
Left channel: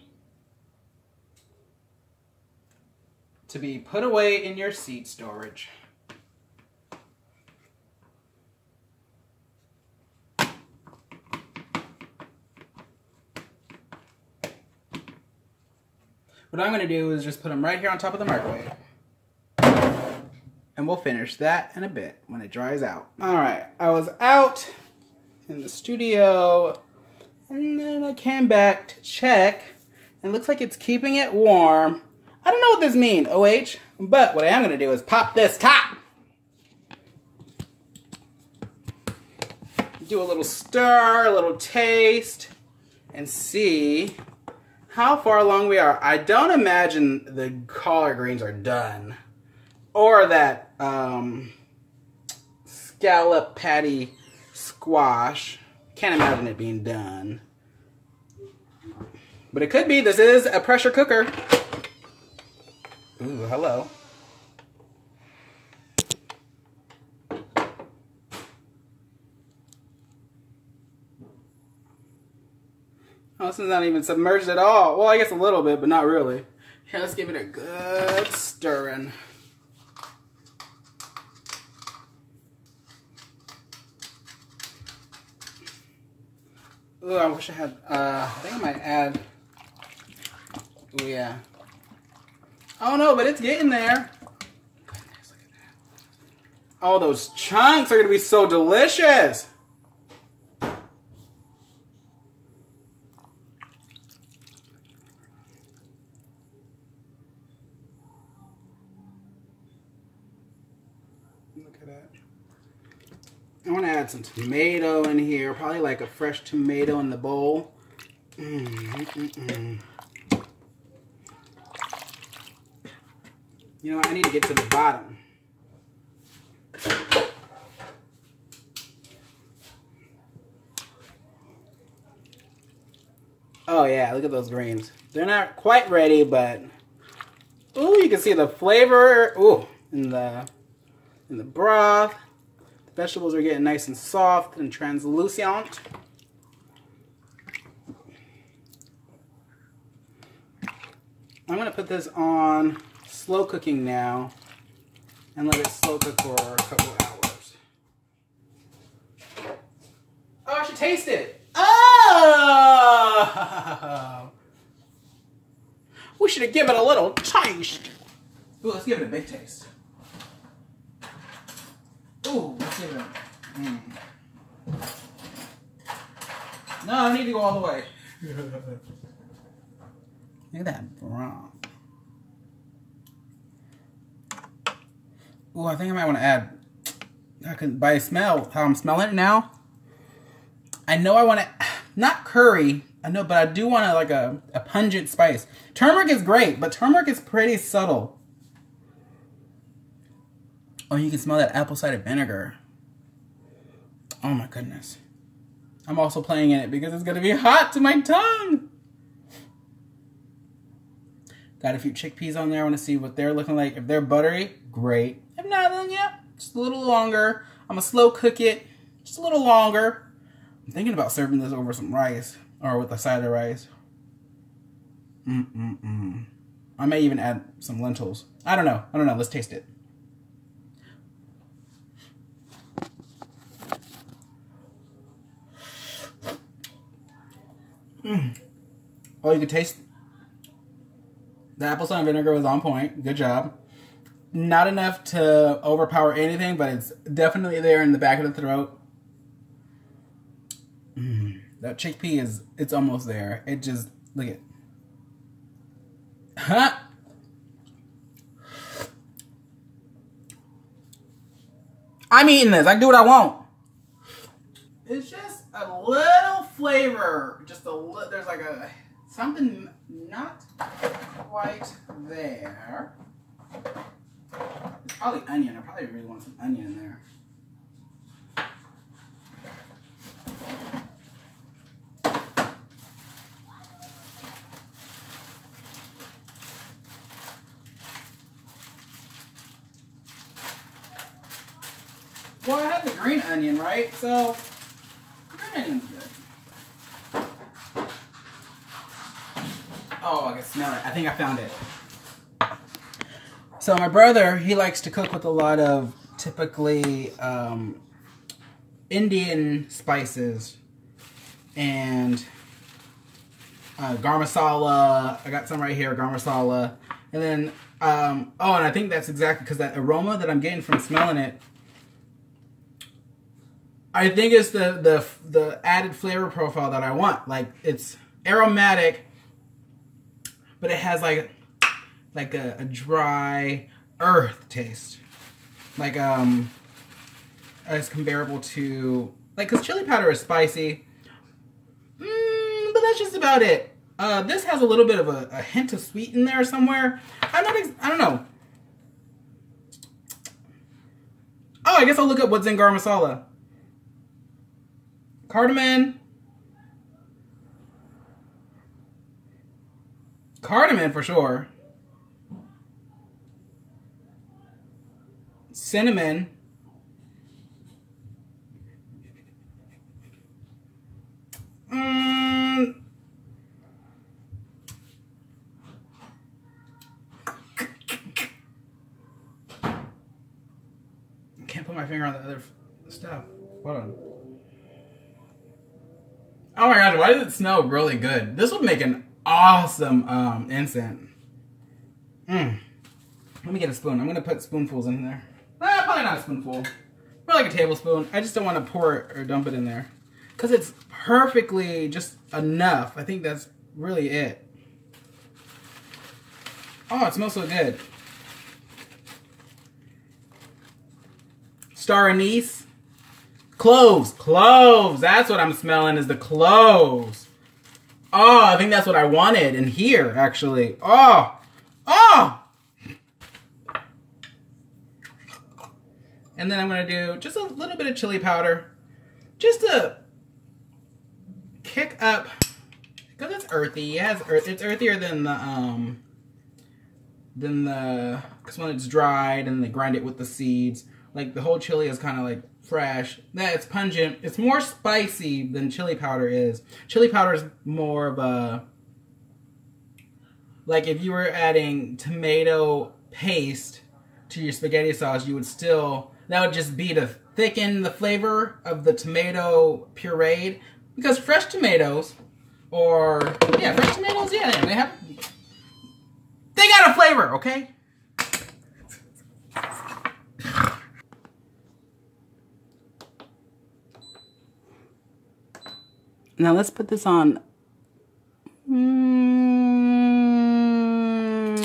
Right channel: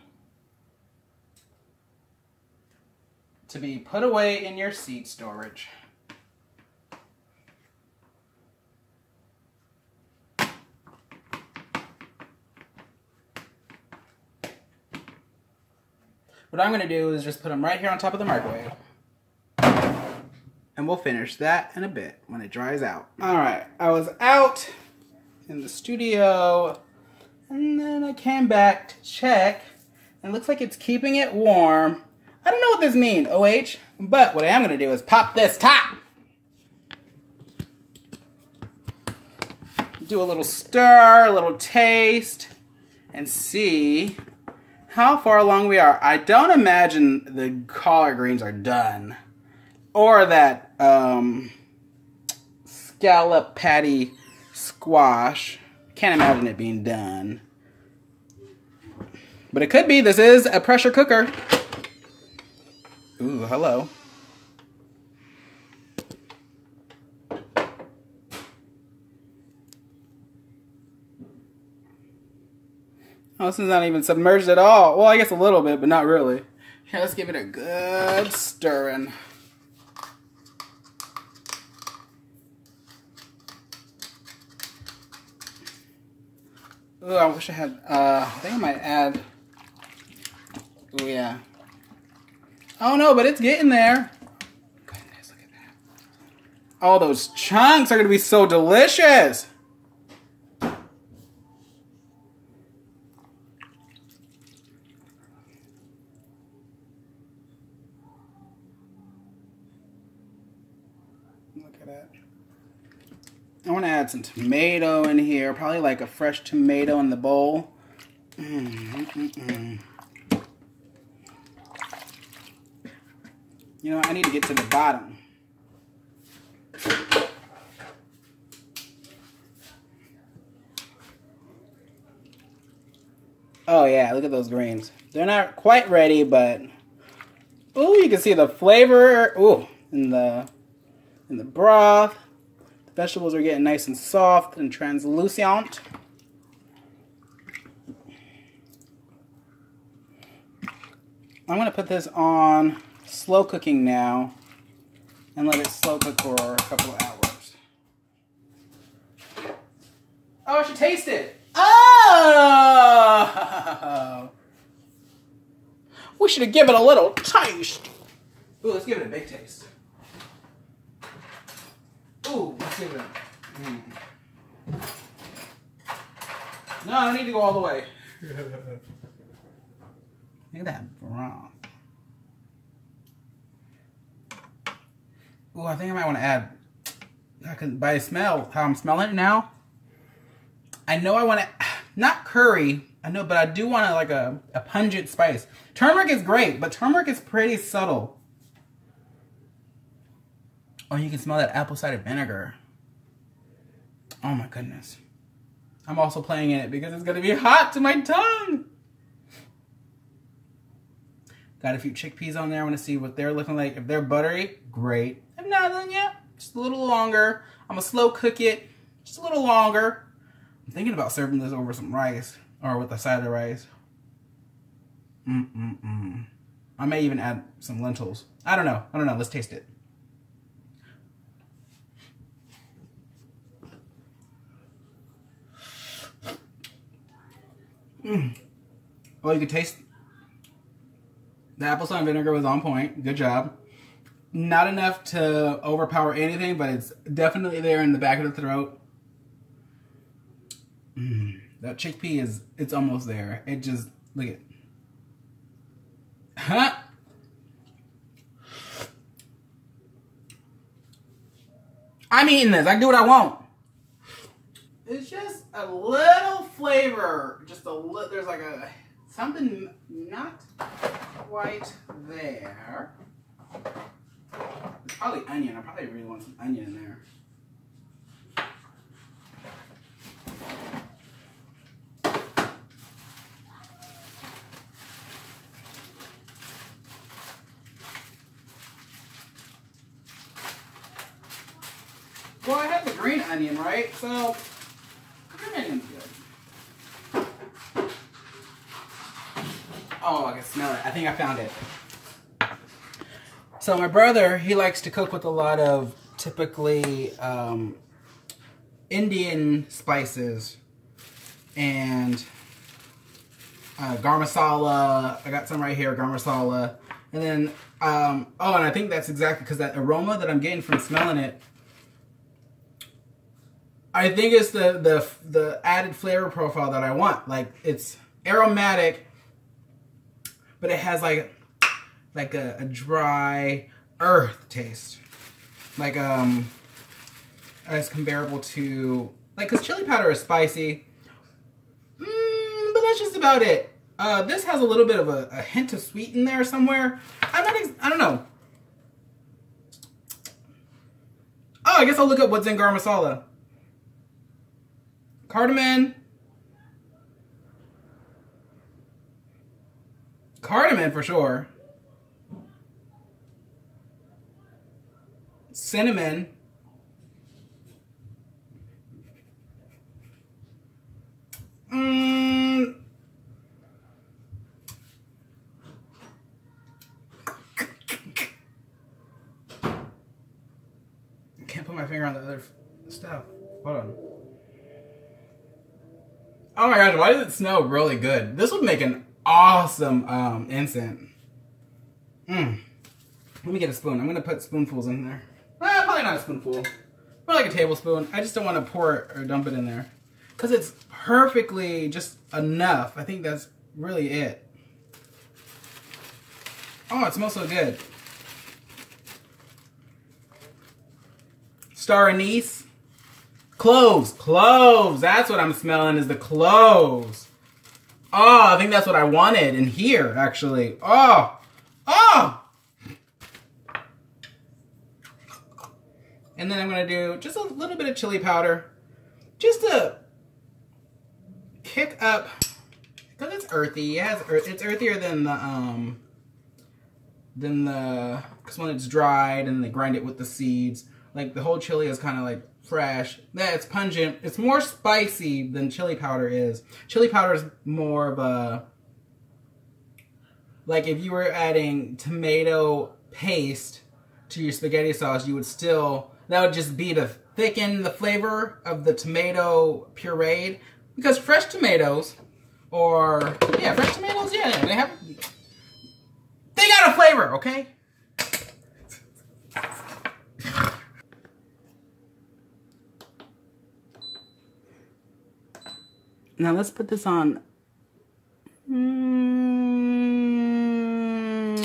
to be put away in your seed storage. What I'm going to do is just put them right here on top of the microwave. And we'll finish that in a bit when it dries out. Alright, I was out in the studio and then I came back to check and it looks like it's keeping it warm. I don't know what this means, OH, but what I am going to do is pop this top. Do a little stir, a little taste, and see how far along we are. I don't imagine the collard greens are done. Or that scallop patty squash. Can't imagine it being done. But it could be. This is a pressure cooker. Ooh, hello. Oh, this is not even submerged at all. Well, I guess a little bit, but not really. Here, let's give it a good stirring. Ooh, I wish I had, I think I might add, oh yeah. Oh no, but it's getting there. Goodness, look at that. Oh, those chunks are gonna be so delicious. Look at that. I want to add some tomato in here. Probably like a fresh tomato in the bowl. You know what? I need to get to the bottom. Oh yeah, look at those greens. They're not quite ready, but ooh, you can see the flavor. Ooh, in the broth. The vegetables are getting nice and soft and translucent. I'm gonna put this on slow cooking now and let it slow cook for a couple of hours. Oh, I should taste it. Oh! We should have given it a little taste. Ooh, let's give it a big taste. Ooh, let's give it a... No, I don't need to go all the way. Look at that broth. Ooh, I think I might want to add... by smell, how I'm smelling it now, I know I want to... Not curry, I know, but I do want like a pungent spice. Turmeric is great, but turmeric is pretty subtle. Oh, you can smell that apple cider vinegar. Oh my goodness. I'm also playing in it because it's going to be hot to my tongue. Got a few chickpeas on there. I want to see what they're looking like. If they're buttery, great. If not, then yeah, just a little longer. I'm going to slow cook it just a little longer. I'm thinking about serving this over some rice or with a side of rice. I may even add some lentils. I don't know. Let's taste it. Oh, you can taste the apple cider vinegar was on point. Good job. Not enough to overpower anything, but it's definitely there in the back of the throat. That chickpea it's almost there. It just, look at. Huh? I'm eating this. I can do what I want. It's just a little flavor. Just a little, there's like a, something not quite there. It's probably onion. I probably really want some onion in there. Well, I had the green onion, right? So, green onion's good. Oh, I can smell it. I think I found it. So my brother, he likes to cook with a lot of typically Indian spices and garam masala. I got some right here, garam masala. And then, oh, and I think that's exactly because that aroma that I'm getting from smelling it, I think it's the added flavor profile that I want. Like, it's aromatic, but it has like a dry earth taste. Like, it's comparable to, like, because chili powder is spicy. But that's just about it. This has a little bit of a hint of sweet in there somewhere. I don't know. Oh, I guess I'll look up what's in garam masala. Cardamom. Cardamom for sure. cinnamon. Can't put my finger on the other stuff. Hold on. Oh my gosh, why does it smell really good? This would make an awesome incense. Let me get a spoon. I'm gonna put spoonfuls in there. Probably not a spoonful. More like a tablespoon. I just don't want to pour it or dump it in there. Because it's perfectly just enough. I think that's really it. Oh, it smells so good. Star anise. Cloves. Cloves. That's what I'm smelling, is the cloves. Oh, I think that's what I wanted in here, actually. Oh. Oh. And then I'm going to do just a little bit of chili powder. Just to kick up. Because it's earthy. It has it's earthier than the, because when it's dried and they grind it with the seeds. Like the whole chili is kind of like fresh. Yeah, it's pungent. It's more spicy than chili powder is. Chili powder is more of a, like if you were adding tomato paste to your spaghetti sauce, you would still, that would just be to thicken the flavor of the tomato pureed. Because fresh tomatoes, or, yeah, fresh tomatoes, yeah, they got a flavor, okay? Now let's put this on.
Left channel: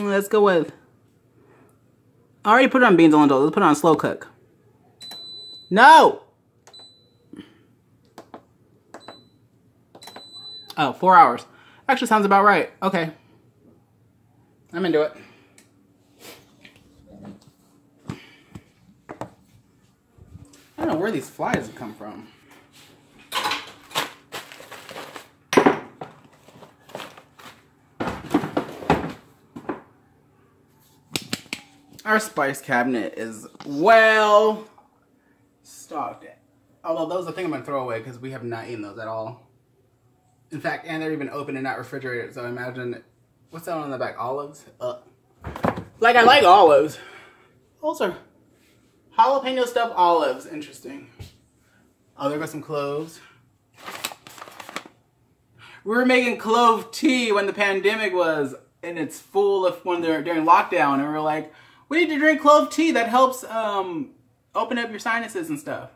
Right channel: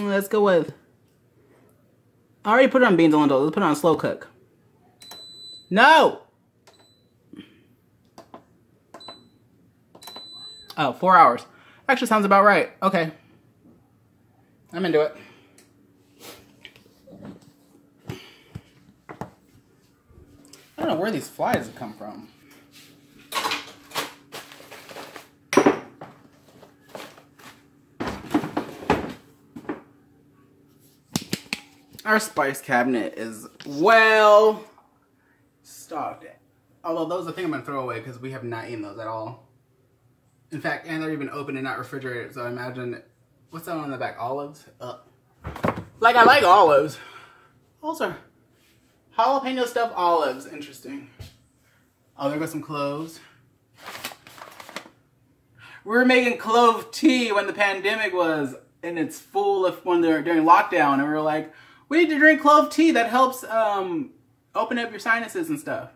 Let's go with. I already put it on beans and lentils. Let's put it on slow cook. No! Oh, 4 hours. Actually sounds about right. Okay. I'm into it. I don't know where these flies have come from. Our spice cabinet is well stocked. Although those, I think I'm going to throw away because we have not eaten those at all. In fact, and they're even open and not refrigerated. So I imagine, what's that on the back? Olives? Like I like olives. Those are jalapeno stuffed olives. Interesting. Oh, there goes some cloves. We were making clove tea when the pandemic was in its full of, when they're during lockdown, and we were like, we need to drink clove tea. That helps open up your sinuses and stuff.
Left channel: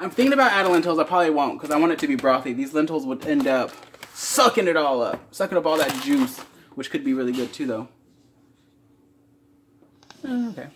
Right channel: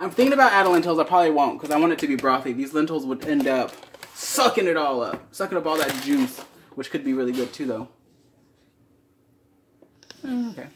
I'm thinking about adding lentils. I probably won't because I want it to be brothy. These lentils would end up sucking it all up. Sucking up all that juice, which could be really good too, though. Okay.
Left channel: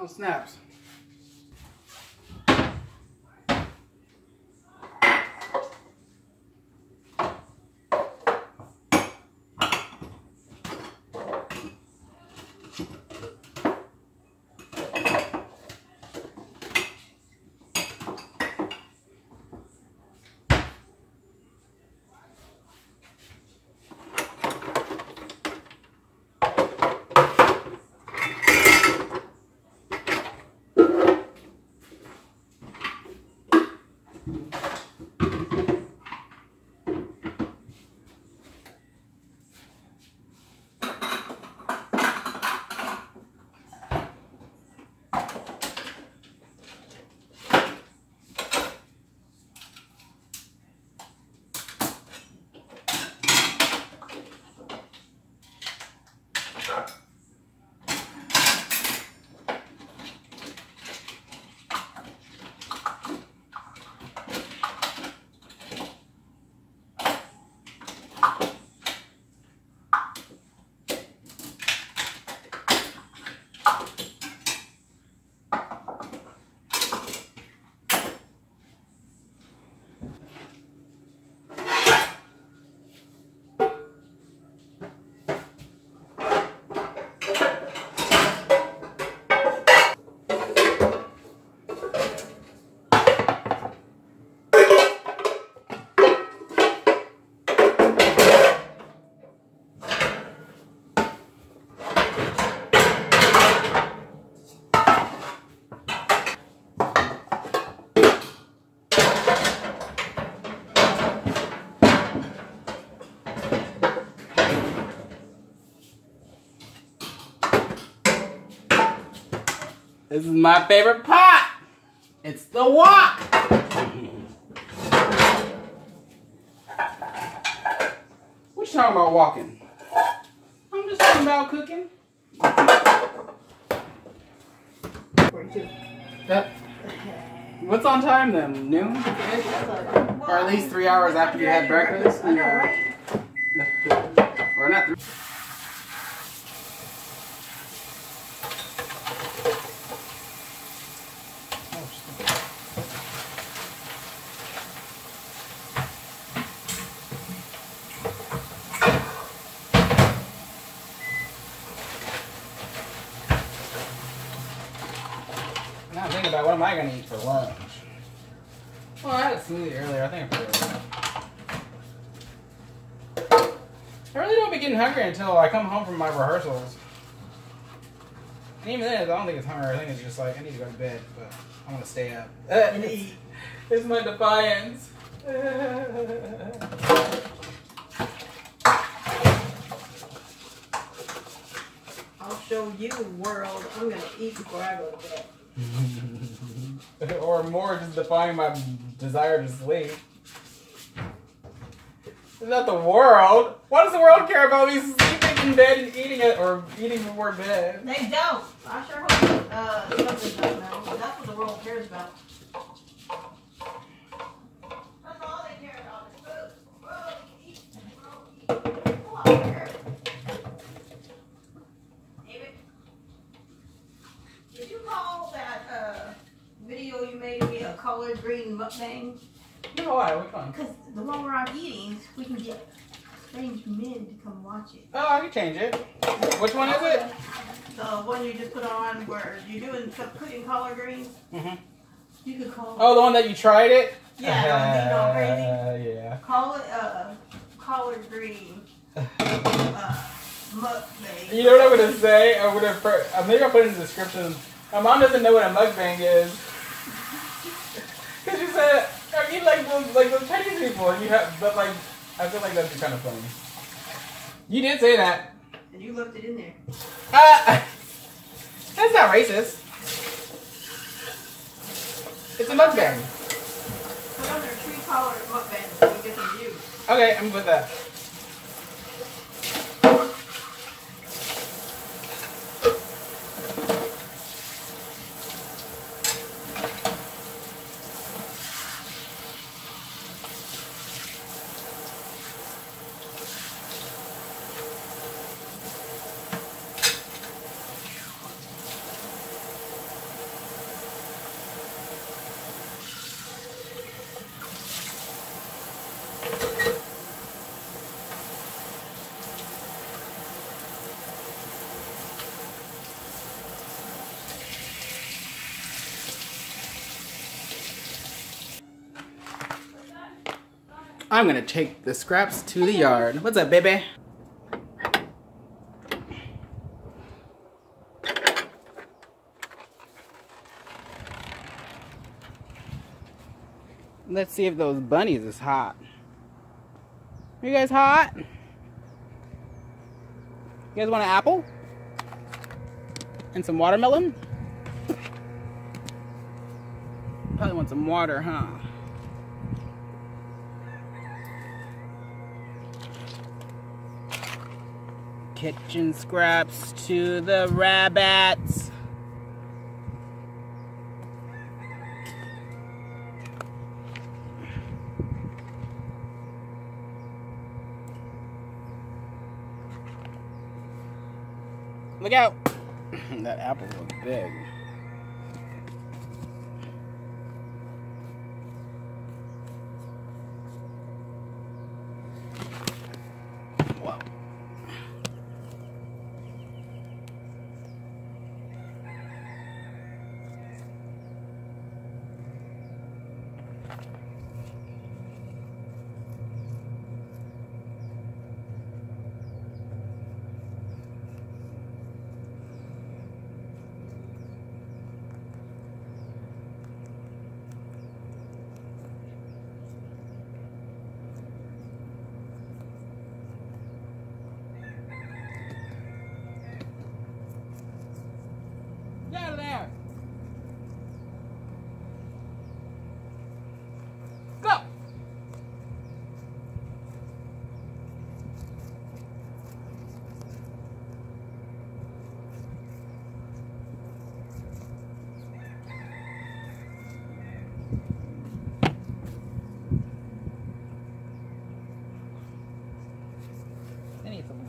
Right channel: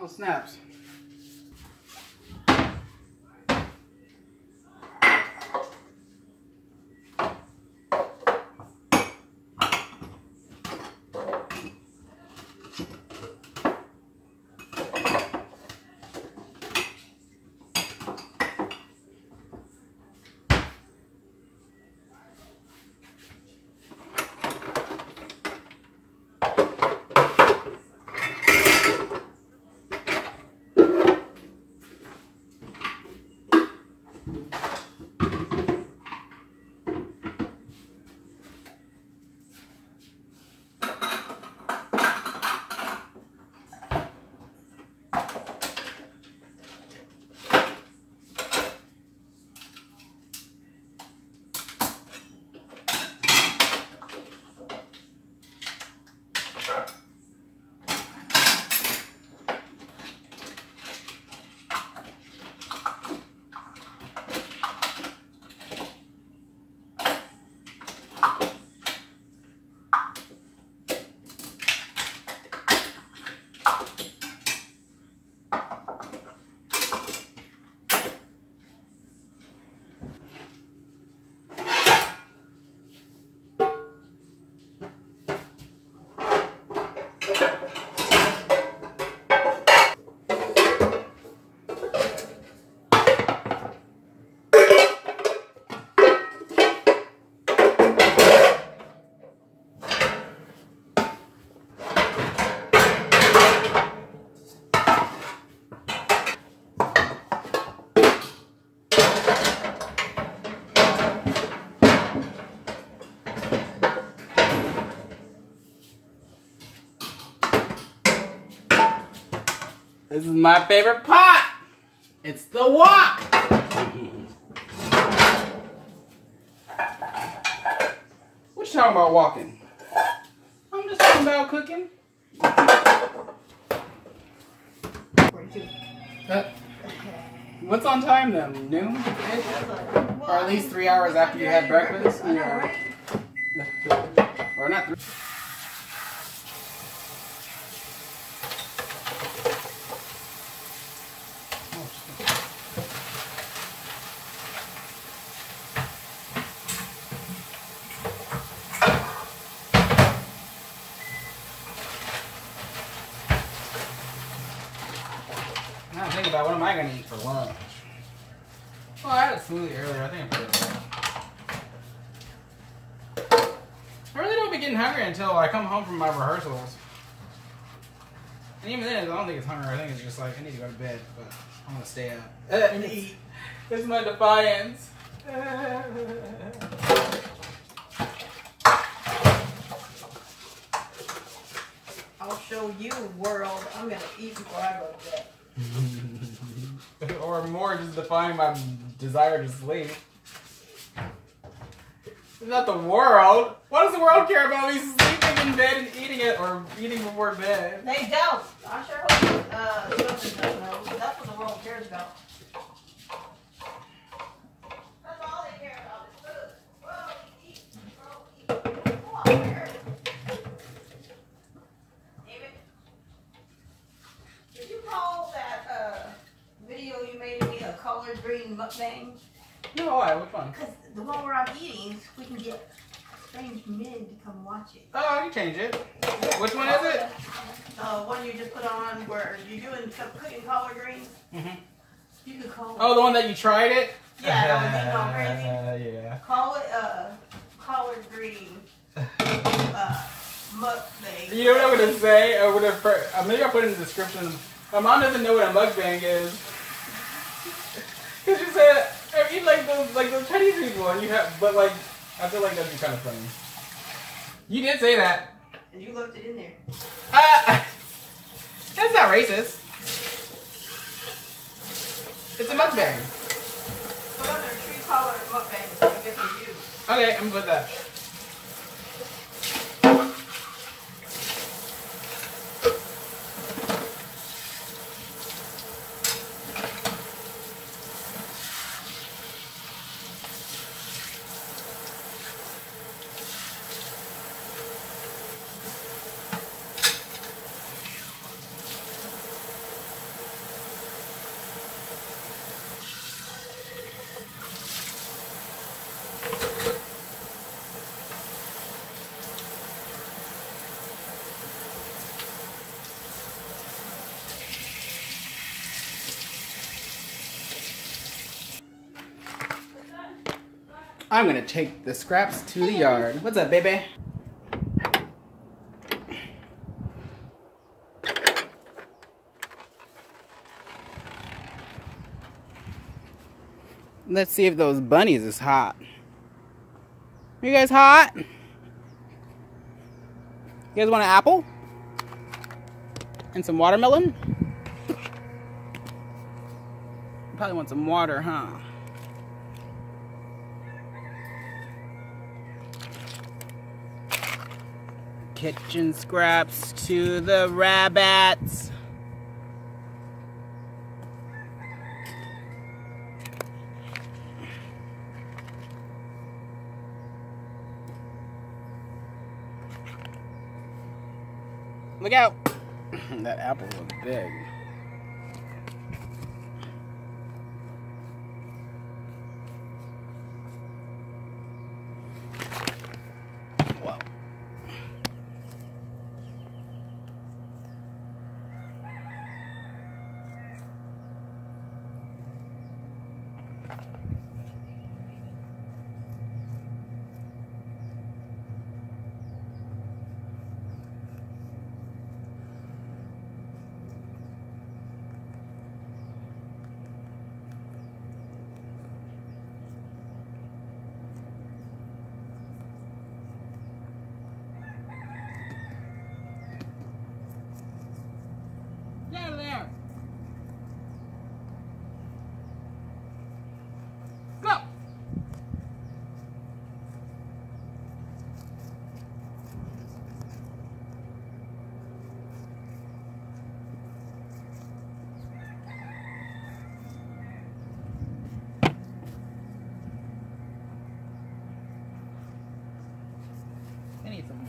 Oh, snaps. This is my favorite pot. It's the wok. What you talking about walking? I'm just talking about cooking. 42. What's on time then? Noon? Or at least 3 hours after you had breakfast? I know, right? Or not 3. Now I'm thinking about what am I going to eat for lunch? Well, I had a smoothie earlier. I think I'm pretty good. I really don't be getting hungry until I come home from my rehearsals. And even then, I don't think it's hunger. I think it's just like, I need to go to bed, but I want to stay up. And eat. This is my defiance. I'll show you, world. I'm going to eat before I go to bed. Or more, just defying my desire to sleep. It's not the world. Why does the world care about me sleeping in bed and eating it, or eating before bed? They don't. I sure hope you don't think that, no. But that's what the world cares about. That's all they care about is food. Well, eat. Come on, here. David, did you call that video you made of me a collard green mukbang? No, why? Which one? Because the one where I'm eating, we can get strange men to come watch it. Oh, I can change it. Which one is it? The one you just put on where you're doing cooking collard greens. Mm-hmm. You could call Oh, the one that you tried it? Yeah, that one didn't go crazy. Yeah. Call it collard green mukbang. You know what I'm gonna say? Maybe I'll put it in the description. My mom doesn't know what a mukbang is. Cause she said, I eat like those Chinese people, and but like, I feel like that'd be kind of funny. You did say that. And you left it in there. That's not racist. It's a mukbang. Put on their tree collar mukbang so we get some views. Okay, I'm with that. I'm gonna take the scraps to the yard. What's up, baby? Let's see if those bunnies is hot. You guys hot? You guys want an apple? And some watermelon? Probably want some water, huh? Kitchen scraps to the rabbits. Look out! That apple was big. Whoa.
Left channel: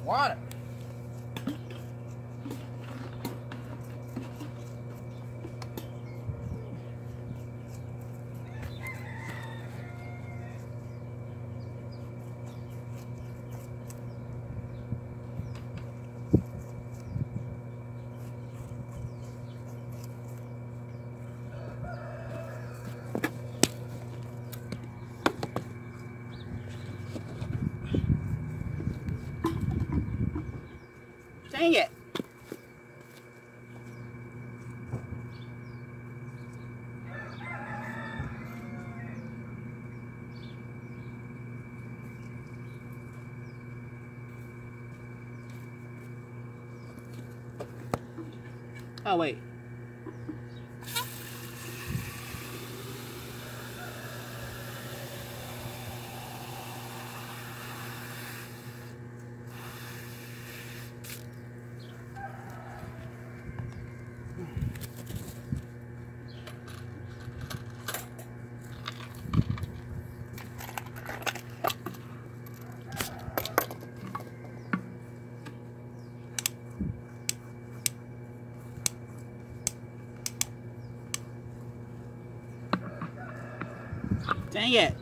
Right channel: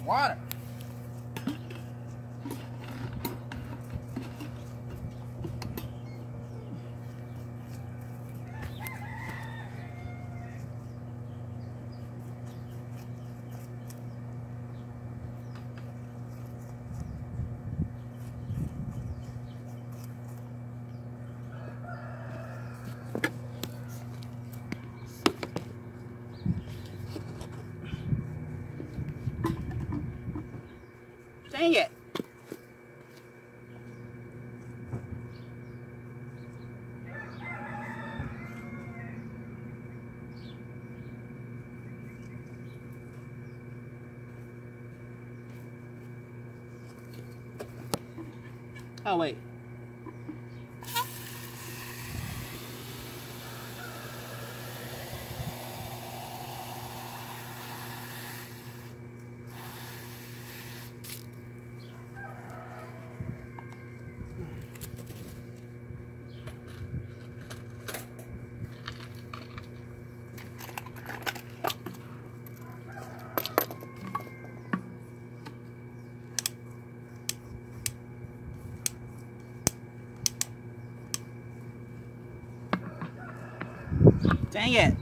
water. Dang it. Oh, wait. Dang it.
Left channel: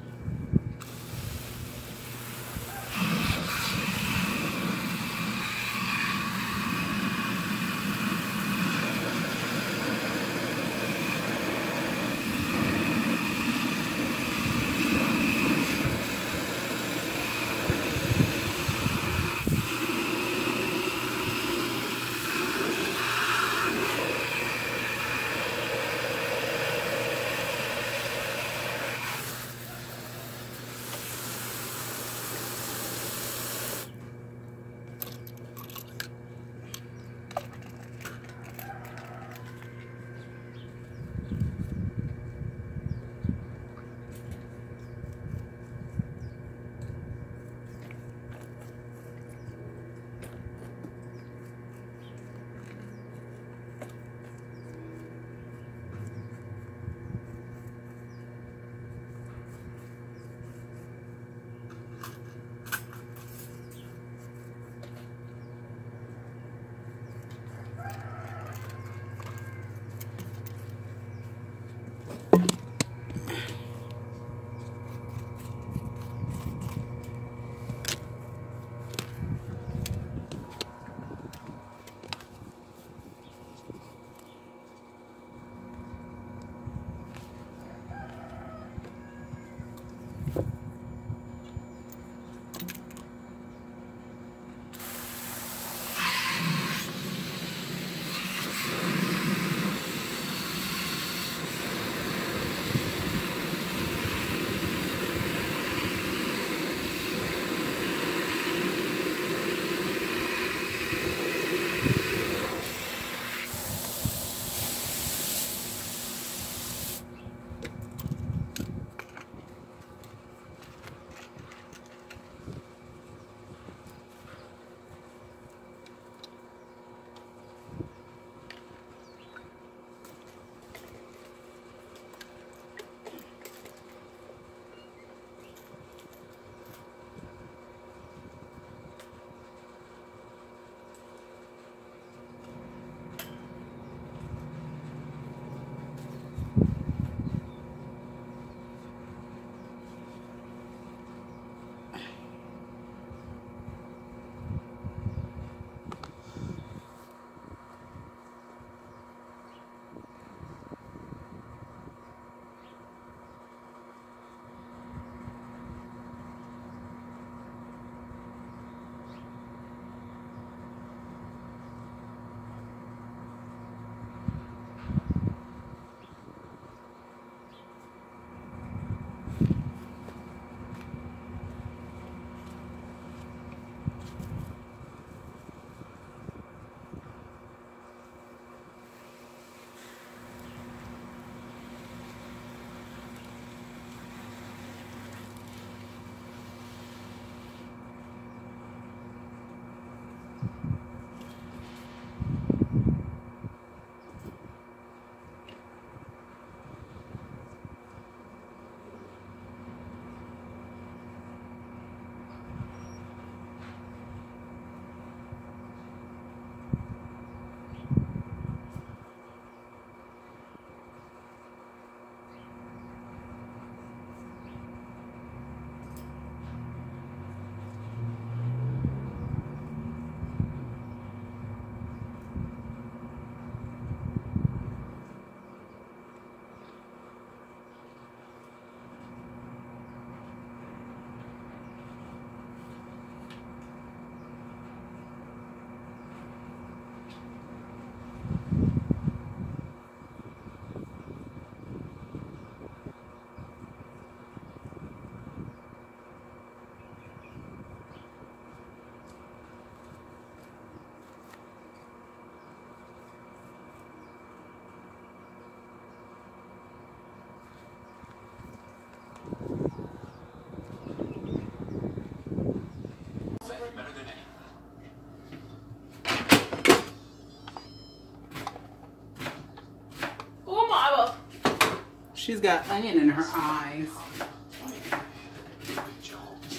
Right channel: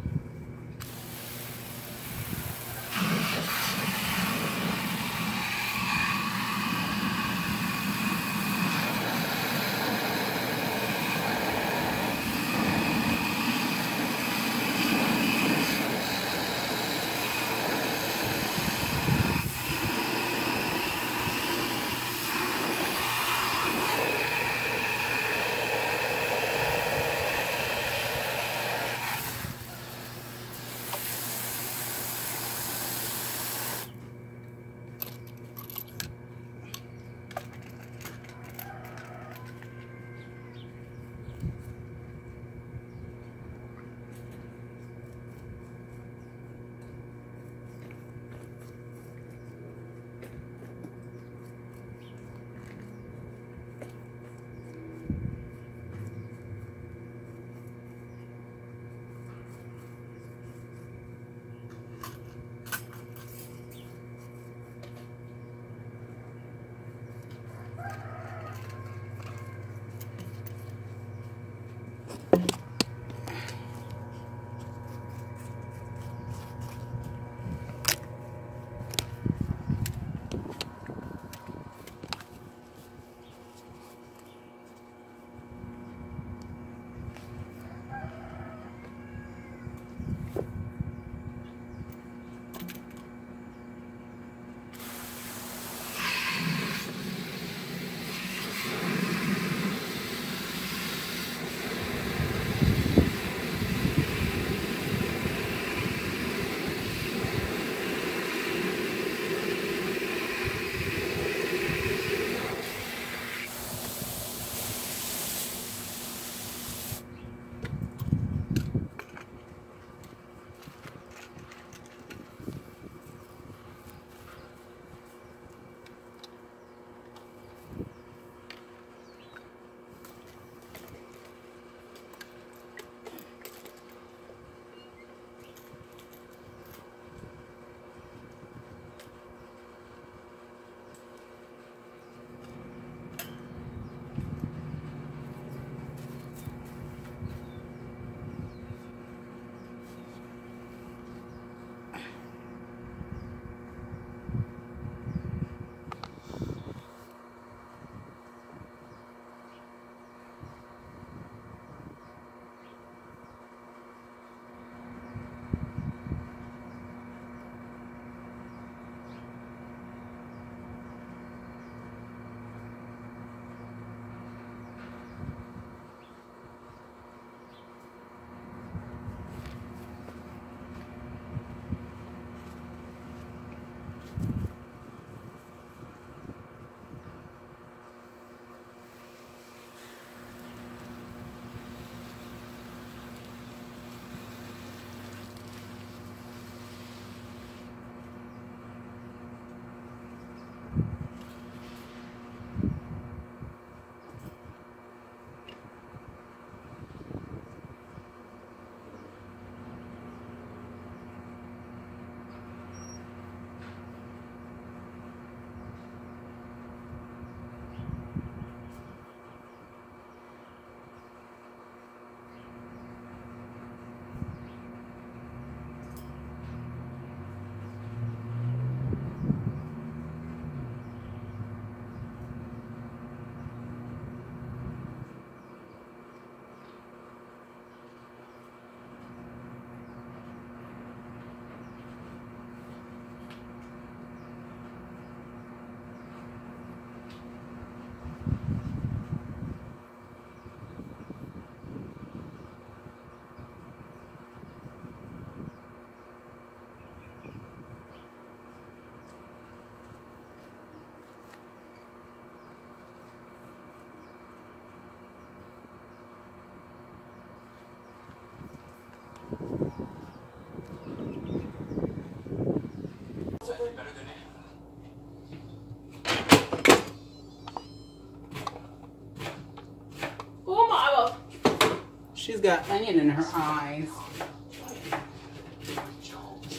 got onion in her eyes.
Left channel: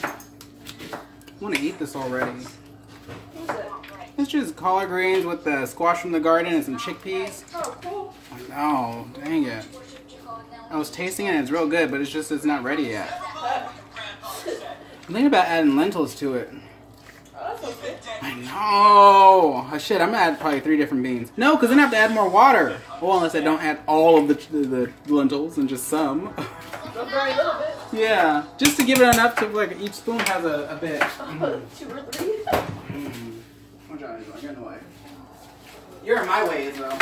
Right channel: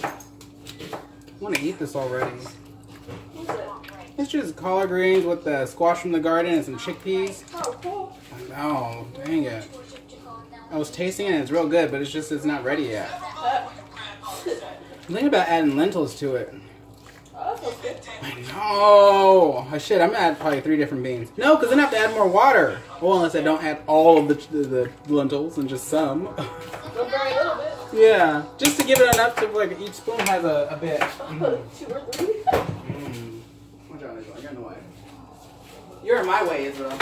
I want to eat this already. What's it? It's just collard greens with the squash from the garden and some chickpeas. Oh, cool. Oh, dang it. I was tasting it and it's real good, but it's not ready yet. I'm thinking about adding lentils to it. Oh, that sounds good. I know. Oh, shit, I'm gonna add probably 3 different beans. No, because then I have to add more water. Well, unless I don't add all of the lentils and just some. Go burn a little bit. Yeah, just to give it enough to like each spoon has a bit. 2 or 3. Watch out, Israel. You're in the way. You're in my way, Israel.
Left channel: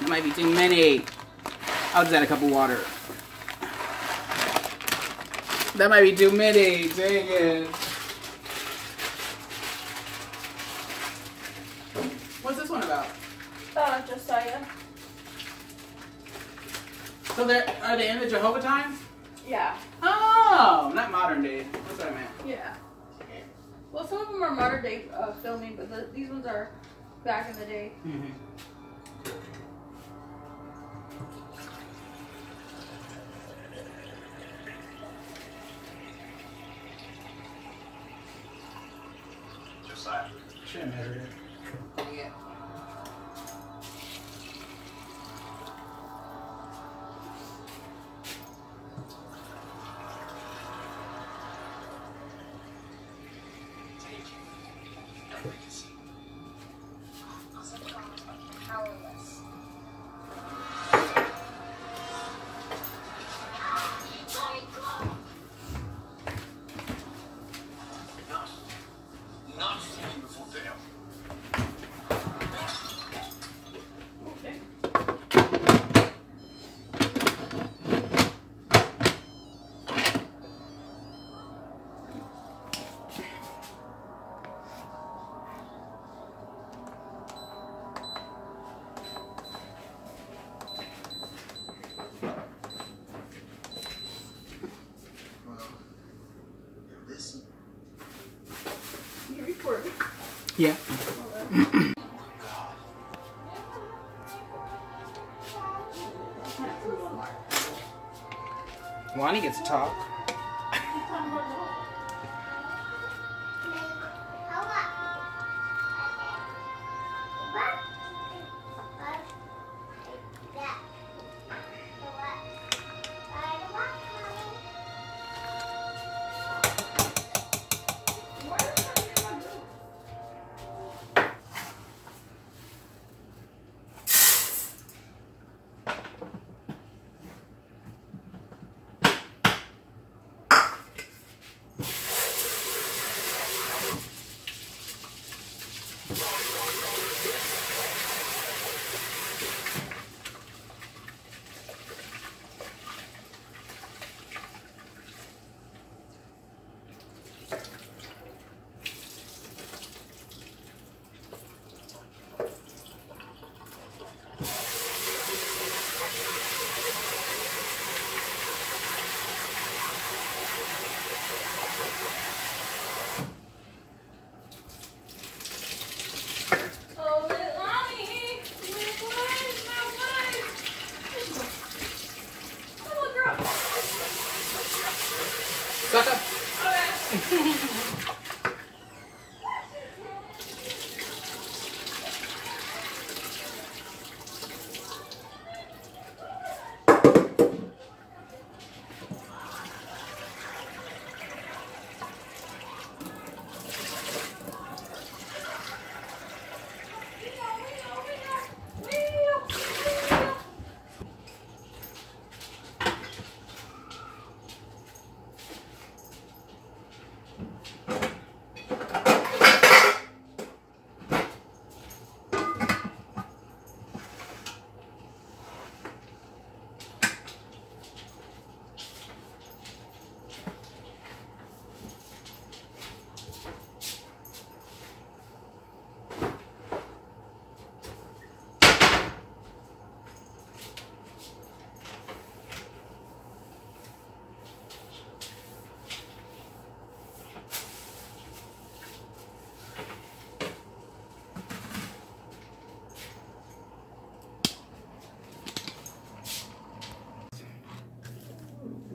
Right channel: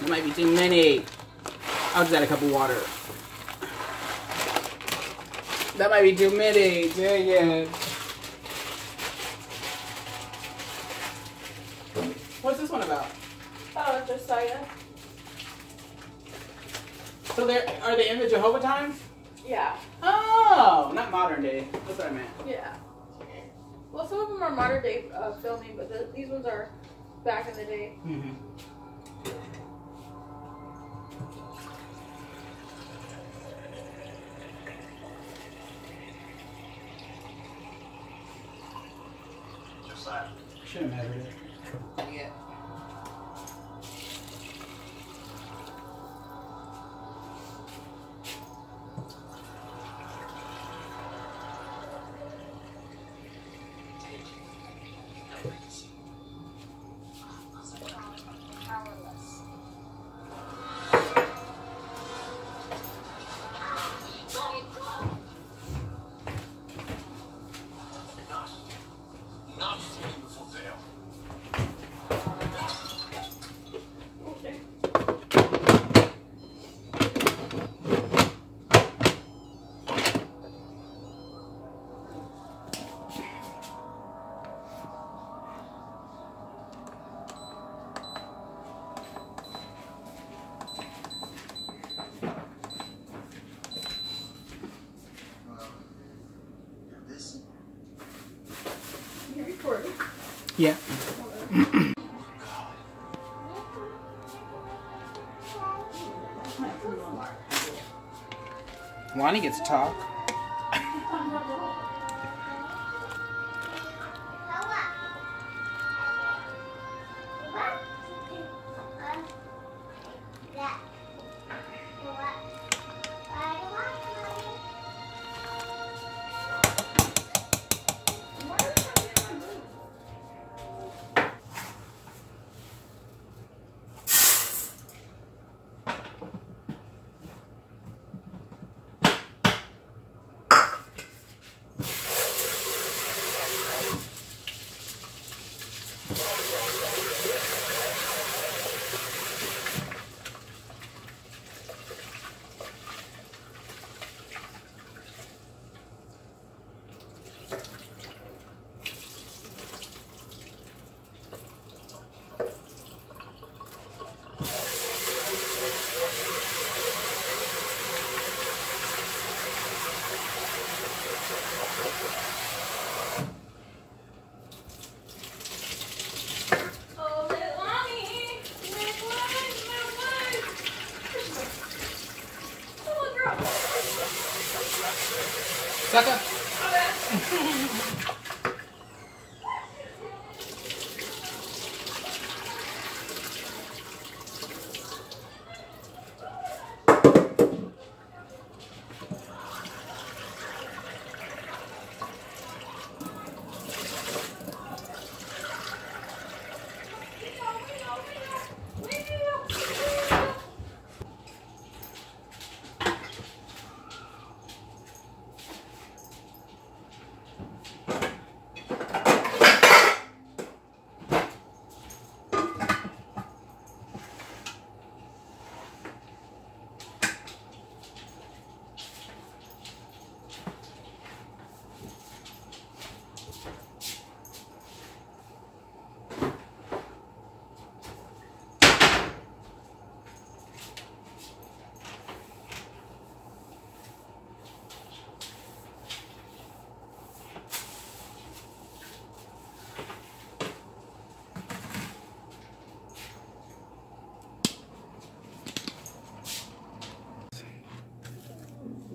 That might be too many. I'll just add a cup of water. That might be too many. Dang it. What's this one about? Josiah. So are they in the Jehovah times? Yeah. Oh, not modern day. That's what I meant. Yeah. Well, some of them are modern day filming, but these ones are back in the day. Mm-hmm. Should have measured it. Yeah. You're recording. Yeah. Lonnie gets to talk. Sucker.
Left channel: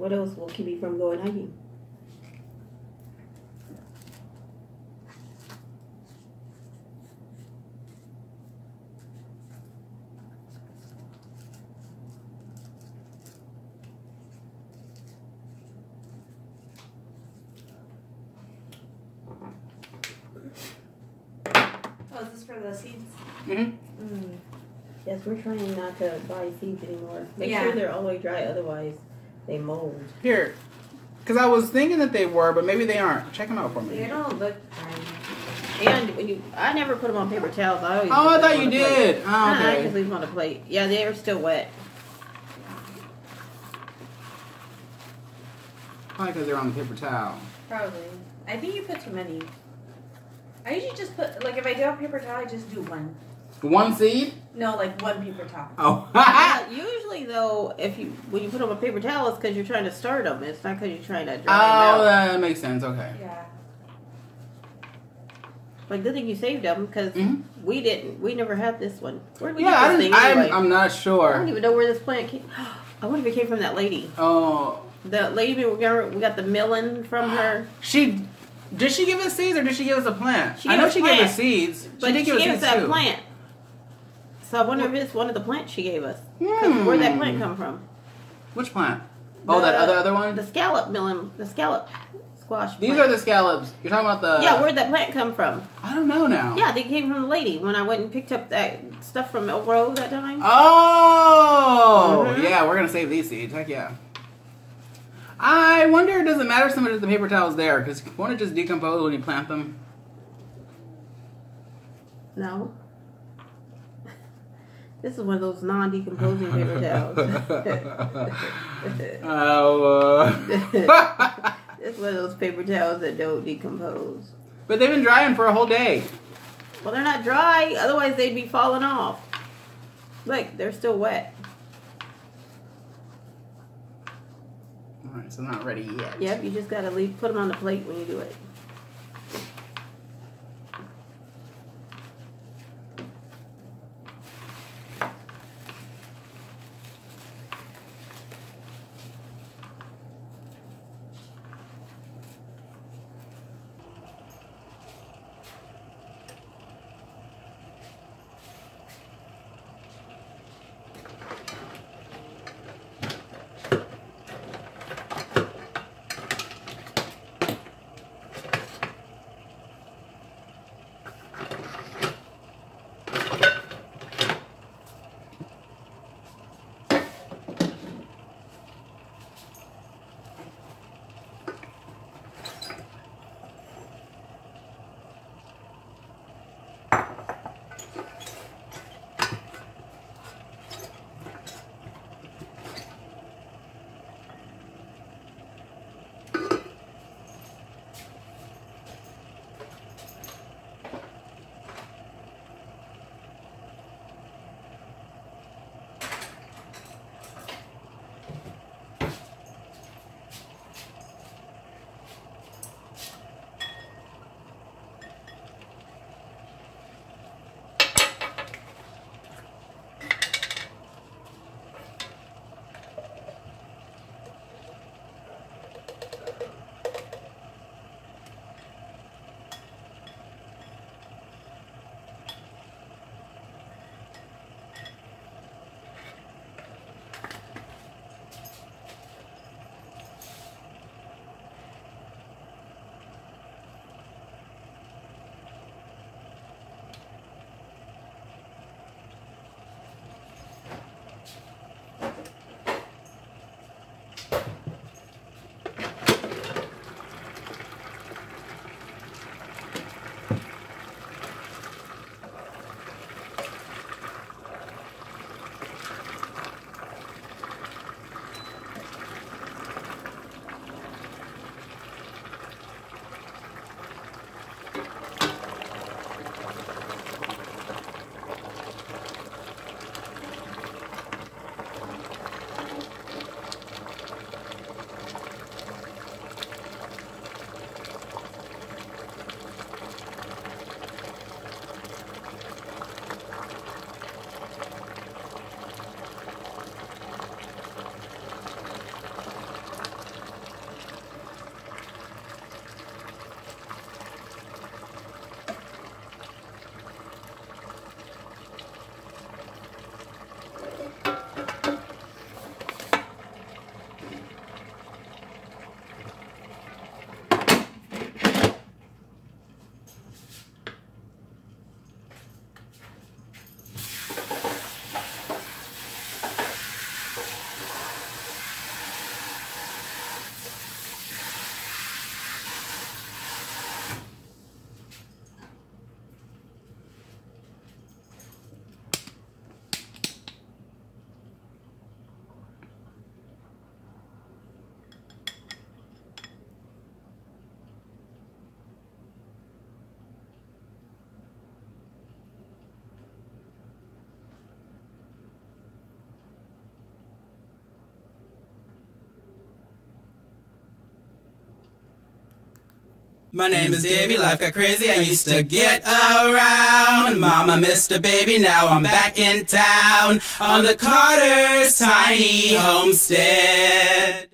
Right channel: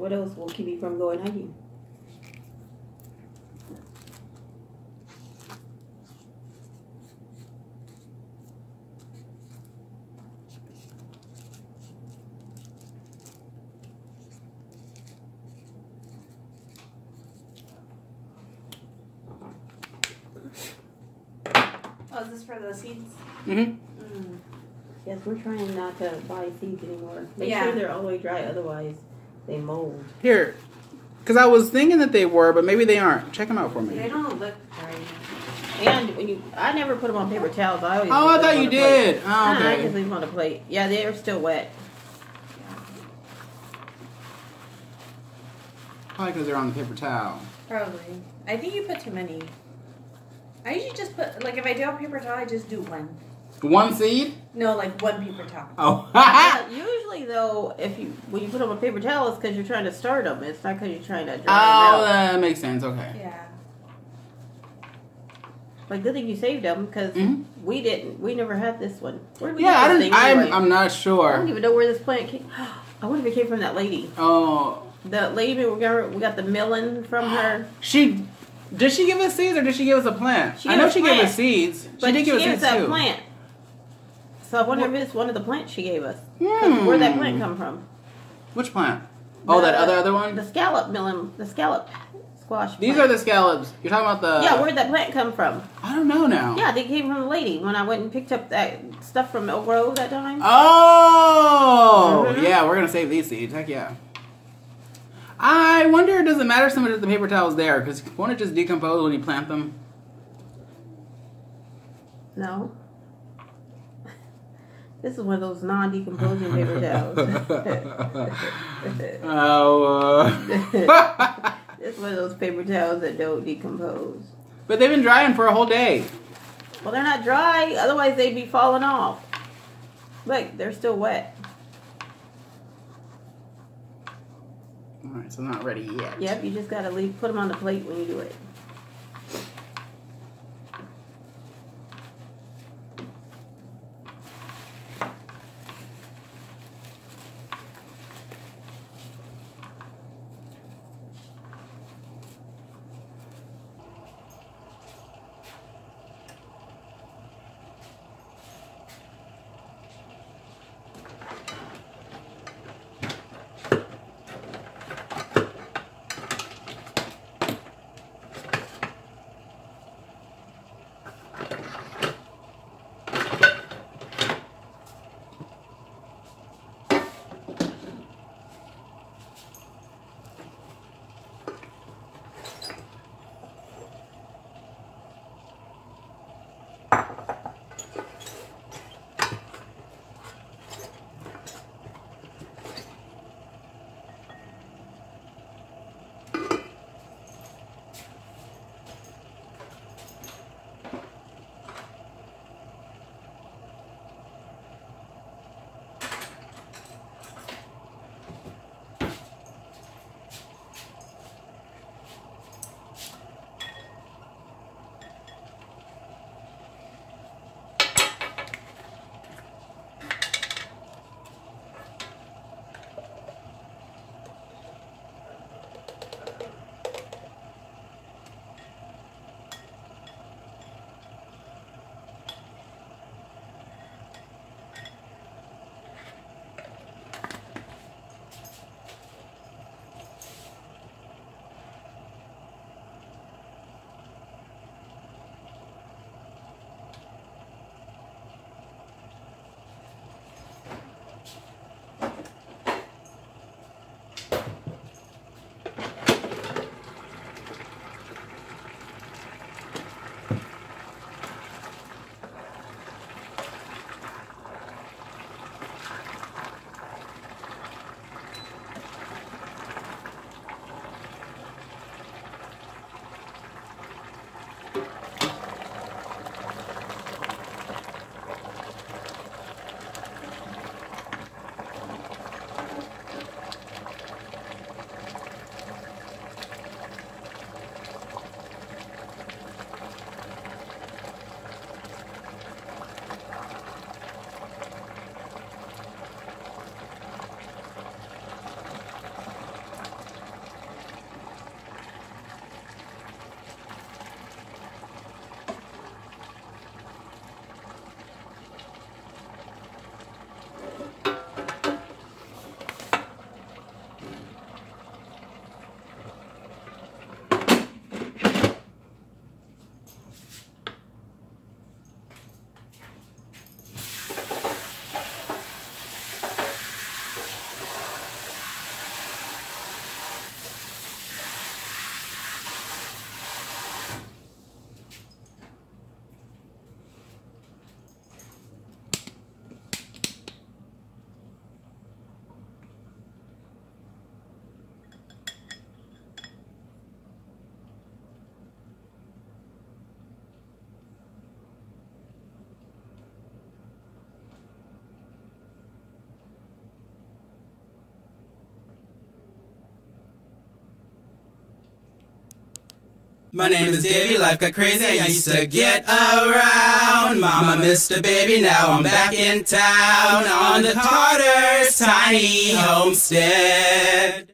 What else will keep you from going hiking? Oh, is this for the seeds? Mm-hmm. Yes, we're trying not to buy seeds anymore. Make Yeah. sure they're all the way dry, otherwise they mold. Here. Because I was thinking that they were, but maybe they aren't. Check them out for They me. don't look right. And when I never put them on paper towels. I always Oh, I put them thought on you a plate. did. Oh, I just okay. leave them on a plate. Yeah, they are still wet. Probably because they're on the paper towel. Probably. I think you put too many. I usually just put, like, if I do have paper towel, I just do one. One seed? No, like one paper towel. Oh. Usually, though, when you put them on paper towel, it's because you're trying to start them. It's not because you're trying to dry them Oh, out. that makes sense. Okay. Yeah. But good thing you saved them because we didn't. We never had this one. Where did we Yeah, I get this didn't. thing anyway? I'm not I don't sure. even know where this plant came. I wonder if it came from that lady. Oh, The lady we got the melon from her. did she give us seeds or did she give us a plant? She I gave know us she gave plant. us seeds. But She did give us gave seeds that too. plant. So I wonder if it's one of the plants she gave us. 'Cause where'd that plant come from? Which plant? Oh, that other one? The scallop melon. The scallop squash These plant. are the scallops. You're talking about the... Yeah, where'd that plant come from? I don't know now. Yeah, they came from the lady when I went and picked up that stuff from Oak Grove that time. Oh! Mhm. Yeah, we're going to save these seeds. Heck yeah. I wonder, does it matter so much if the paper towel's there? Because won't it just decompose when you plant them? No. This is one of those non-decomposing paper towels. Oh. It's one of those paper towels that don't decompose. But they've been drying for a whole day. Well, they're not dry, otherwise they'd be falling off. Look, they're still wet. Alright, so not ready yet. Yep, you just gotta put them on the plate when you do it. My name is Davey, life got crazy, I used to get around. Mama missed a baby, now I'm back in town on the Collards' tiny homestead.